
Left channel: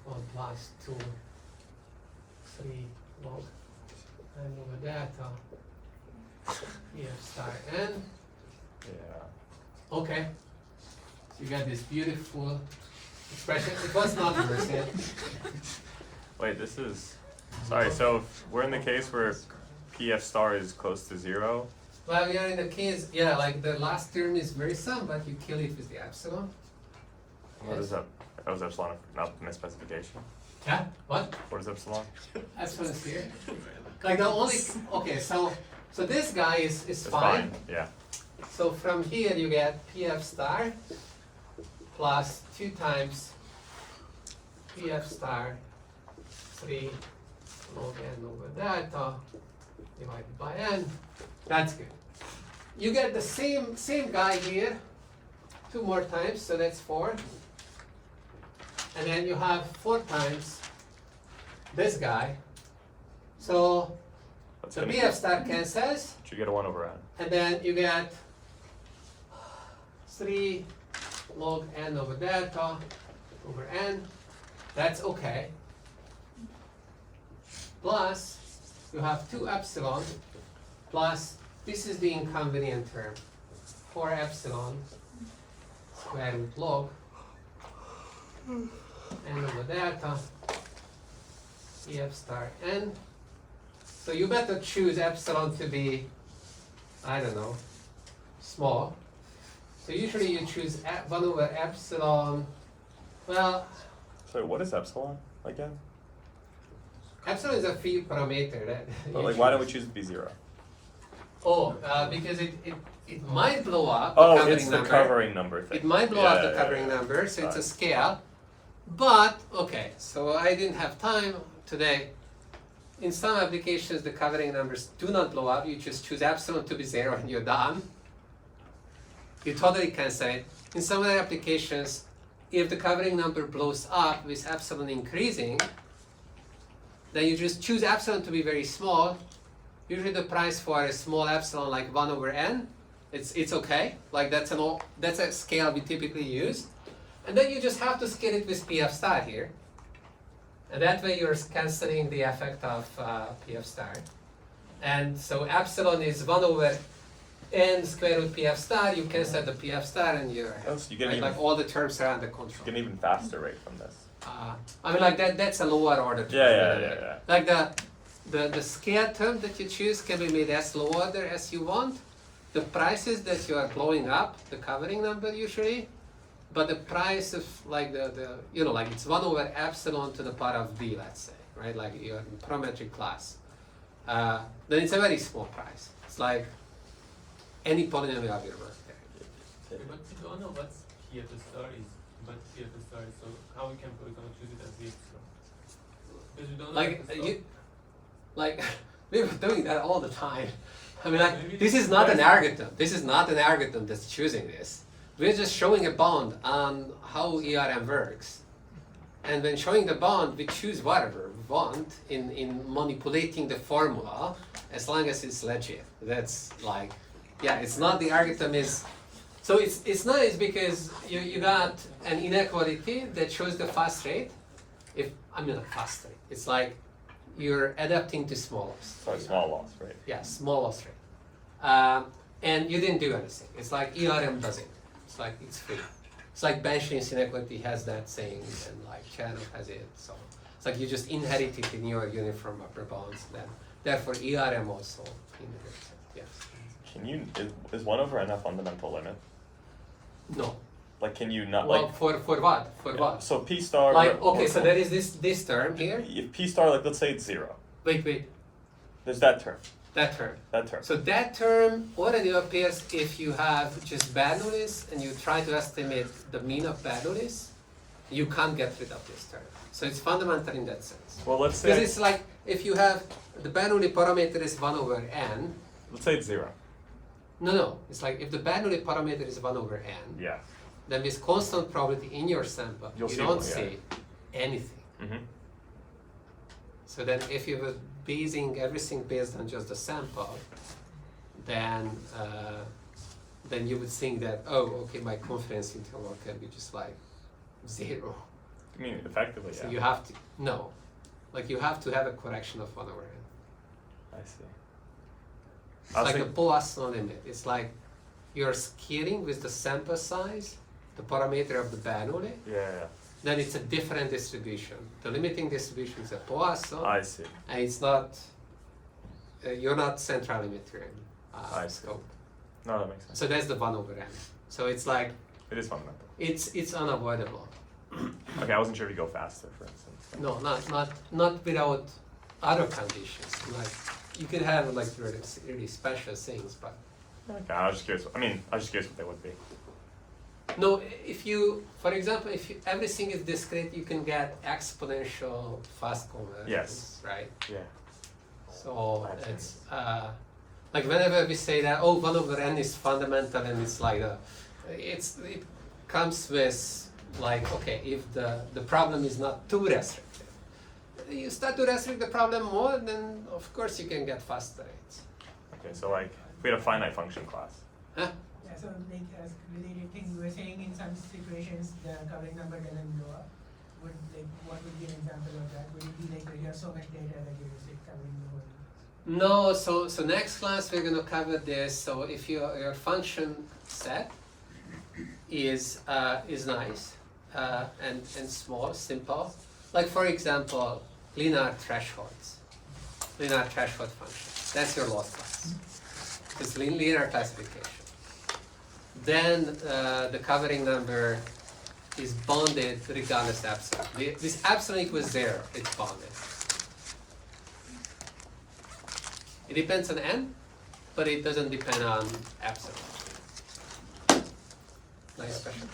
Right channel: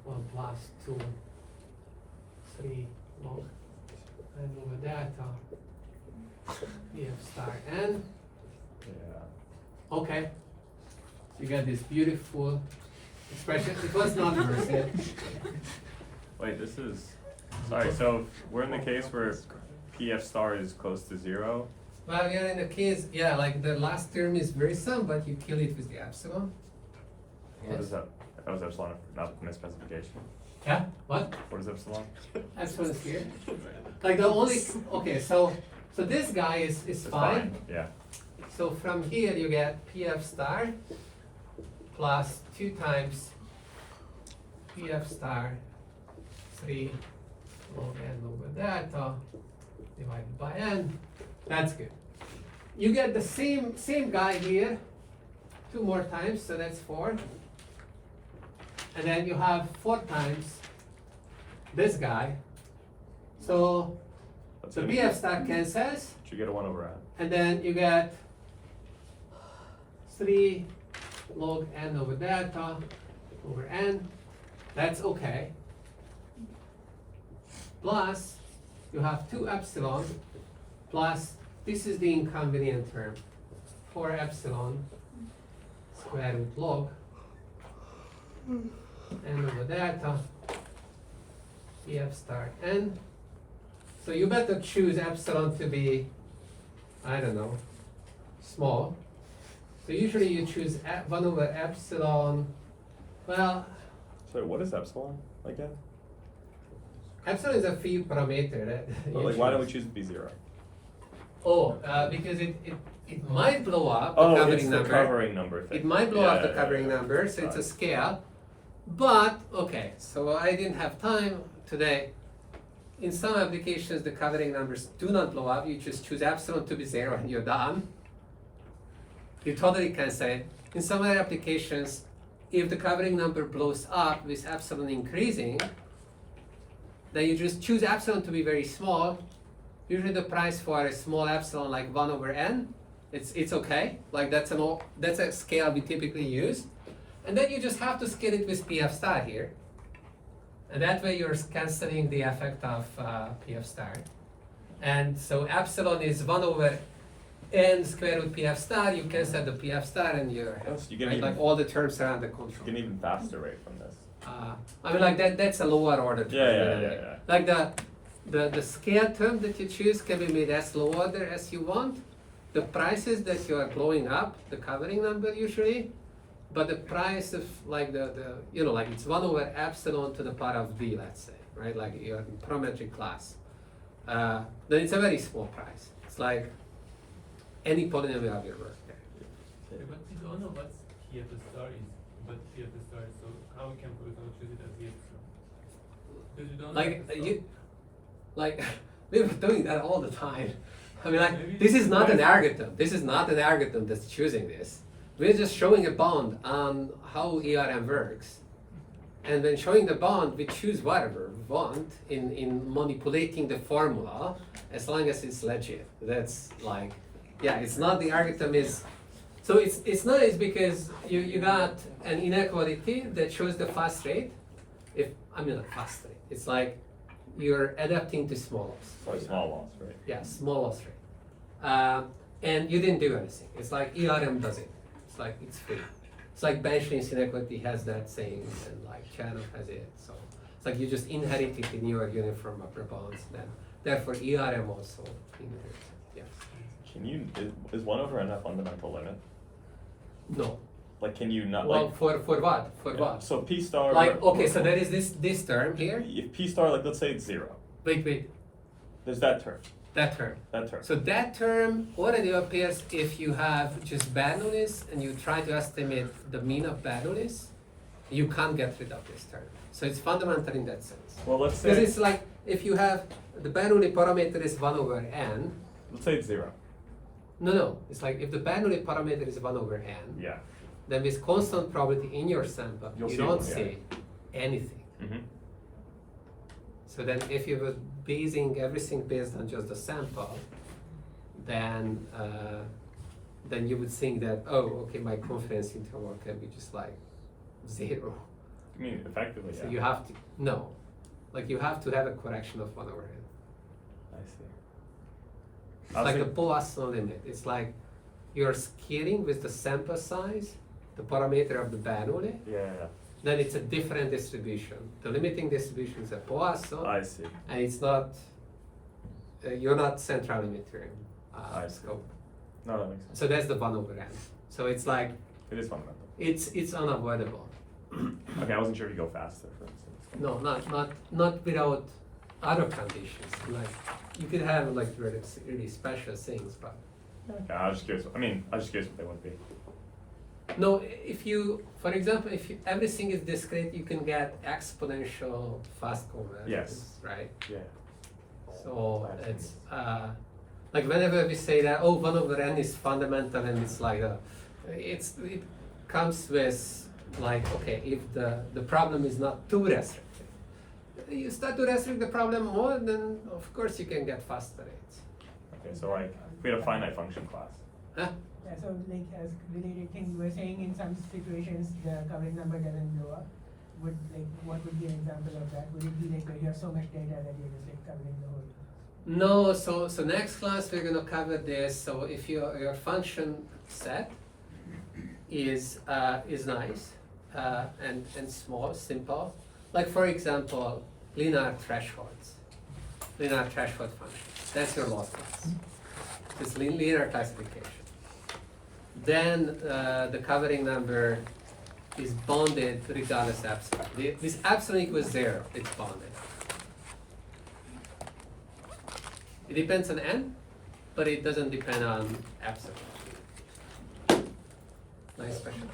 1 plus 2, 3 log n over delta PF star n. Yeah. Okay, so you get this beautiful expression. It was not inverted. Wait, this is, sorry, so if we're in the case where PF star is close to 0, Well, we are in the case, yeah, like the last term is very sum, but you kill it with the epsilon. what is Yes. that? That was epsilon, not misspecification. Yeah, what? What is epsilon? Epsilon is here. Like the only, okay, so this guy is It's fine. Yeah. So from here you get PF star plus 2 times PF star 3 log n over delta divided by n. That's good. You get the same guy here 2 more times, so that's 4. And then you have 4 times this guy. So That's the gonna be- PF star cancels, Should you get a 1 over n? and then you get 3 log n over delta over n. That's okay. Plus, you have 2 epsilon plus this is the inconvenient term. 4 epsilon square root log n over delta Ef star n. So you better choose epsilon to be, I don't know, small. So usually you choose 1 over epsilon, well, So what is epsilon again? epsilon is a free parameter that But you like, why don't we choose. choose it to be 0? Oh, because it might blow up the Oh, covering it's the number. covering number thing. It might blow up the Yeah, covering yeah. number, so it's a Right. scale. But, okay, so I didn't have time today. In some applications, the covering numbers do not blow up. You just choose epsilon to be 0 and you're done. You totally cancel it. In some other applications, if the covering number blows up with epsilon increasing, then you just choose epsilon to be very small. Usually the price for a small epsilon like 1 over n, it's okay. Like that's a scale we typically use. And then you just have to scale it with PF star here. And that way you're canceling the effect of PF star. And so epsilon is 1 over n square root PF star, you cancel the PF star and you're ahead. Yes, you get Right? even- Like all the terms are under You control. get an even faster rate from this. I mean like that's a lower order term. Yeah. Like the scale term that you choose can be made as low order as you want. The prices that you are blowing up, the covering number usually, but the price of like the like it's 1 over epsilon to the power of b, let's say, right? Like you're in parametric class. Then it's a very small price. It's like any polynomial will work there. Yeah, but we don't know what PF star is, but PF star is, so how we can, for example, choose it as the epsilon? Because we don't know Like the you, like we're doing that all the time. I mean, like Maybe this is not an price- algorithm. This is not an algorithm that's choosing this. We're just showing a bound on how ERM works, and when showing the bound, we choose whatever we want in manipulating the formula as long as it's legit. That's like, yeah, it's not the algorithm is. So it's nice because you got an inequality that shows the fast rate. Not fast rate. It's like you're adapting to small loss. So a small loss, right? Yeah, small loss rate. And you didn't do anything. It's like ERM does it. It's like it's free. It's like Benjamin's inequality has that saying, and like Chanuk has it. So it's like you just inherit it in your uniform upper bounds. Then therefore ERM also inherits it. Yes. Can you, is 1 over n a fundamental limit? No. Like, can you not, Well, like, for what? For what? so P star. Like okay, so there is this term here. If P star, like, let's say it's 0. Wait. There's that term. That term. That term. So that term already appears if you have just Bernoullis and you try to estimate the mean of Bernoullis, you can't get rid of this term. So it's fundamental in that sense. Well, let's Because say, it's like if you have the Bernoulli parameter is 1 over n. let's say it's 0. No. It's like if the Bernoulli parameter is 1 over n, Yeah. then with constant probability in your sample, You'll you see don't one, yeah. see anything. Mm-hmm. So then if you were basing everything based on just the sample, then you would think that, oh, okay, my confidence interval can be just like 0. I mean, effectively, yeah. So you have to, no. Like you have to have a correction of 1 over n. I see. It's I was like the think- Poisson limit. It's like you're scaling with the sample size, the parameter of the Bernoulli, Yeah. then it's a different distribution. The limiting distribution is a Poisson. I see. And it's not, you're not central limiter in I see. scope. No, that makes sense. So that's the 1 over n. So it's like, It is fundamental. it's unavoidable. Okay, I wasn't sure if you go faster, for instance. No, not without other conditions. Like, you could have like really special things, but Okay, I was just curious. I mean, I was just curious what they would be. no, if you, for example, if everything is discrete, you can get exponential fast convergence, Yes. right? Yeah. So it's like whenever we say that 1 over n is fundamental and it's like it comes with like okay, if the problem is not too restrictive, you start to restrict the problem more, then of course you can get faster rates. Okay, so like, if we had a finite function class. Huh? Yeah, so like as related thing, you were saying in some situations the covering number doesn't blow up. What would be an example of that? Would it be like you have so much data that you just like covering the whole No, so next class we're gonna cover this. So if your function set is nice and small, simple, like for example, linear threshold function. That's your loss class. It's linear classification. Then the covering number is bounded regardless of epsilon. This epsilon equals 0, it's bounded. It depends on n, but it doesn't depend on epsilon. Nice question.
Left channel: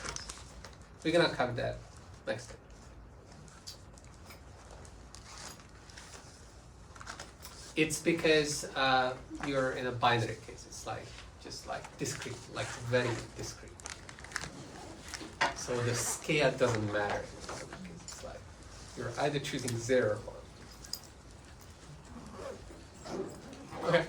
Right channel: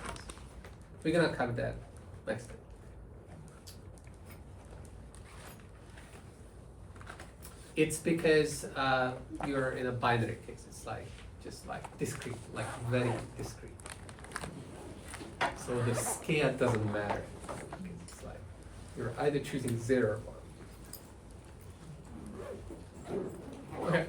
We're gonna cover that next time. It's because you're in a binary case. It's like just like discrete, like very discrete. So the scale doesn't matter. It's like you're either choosing 0 or 1. Okay.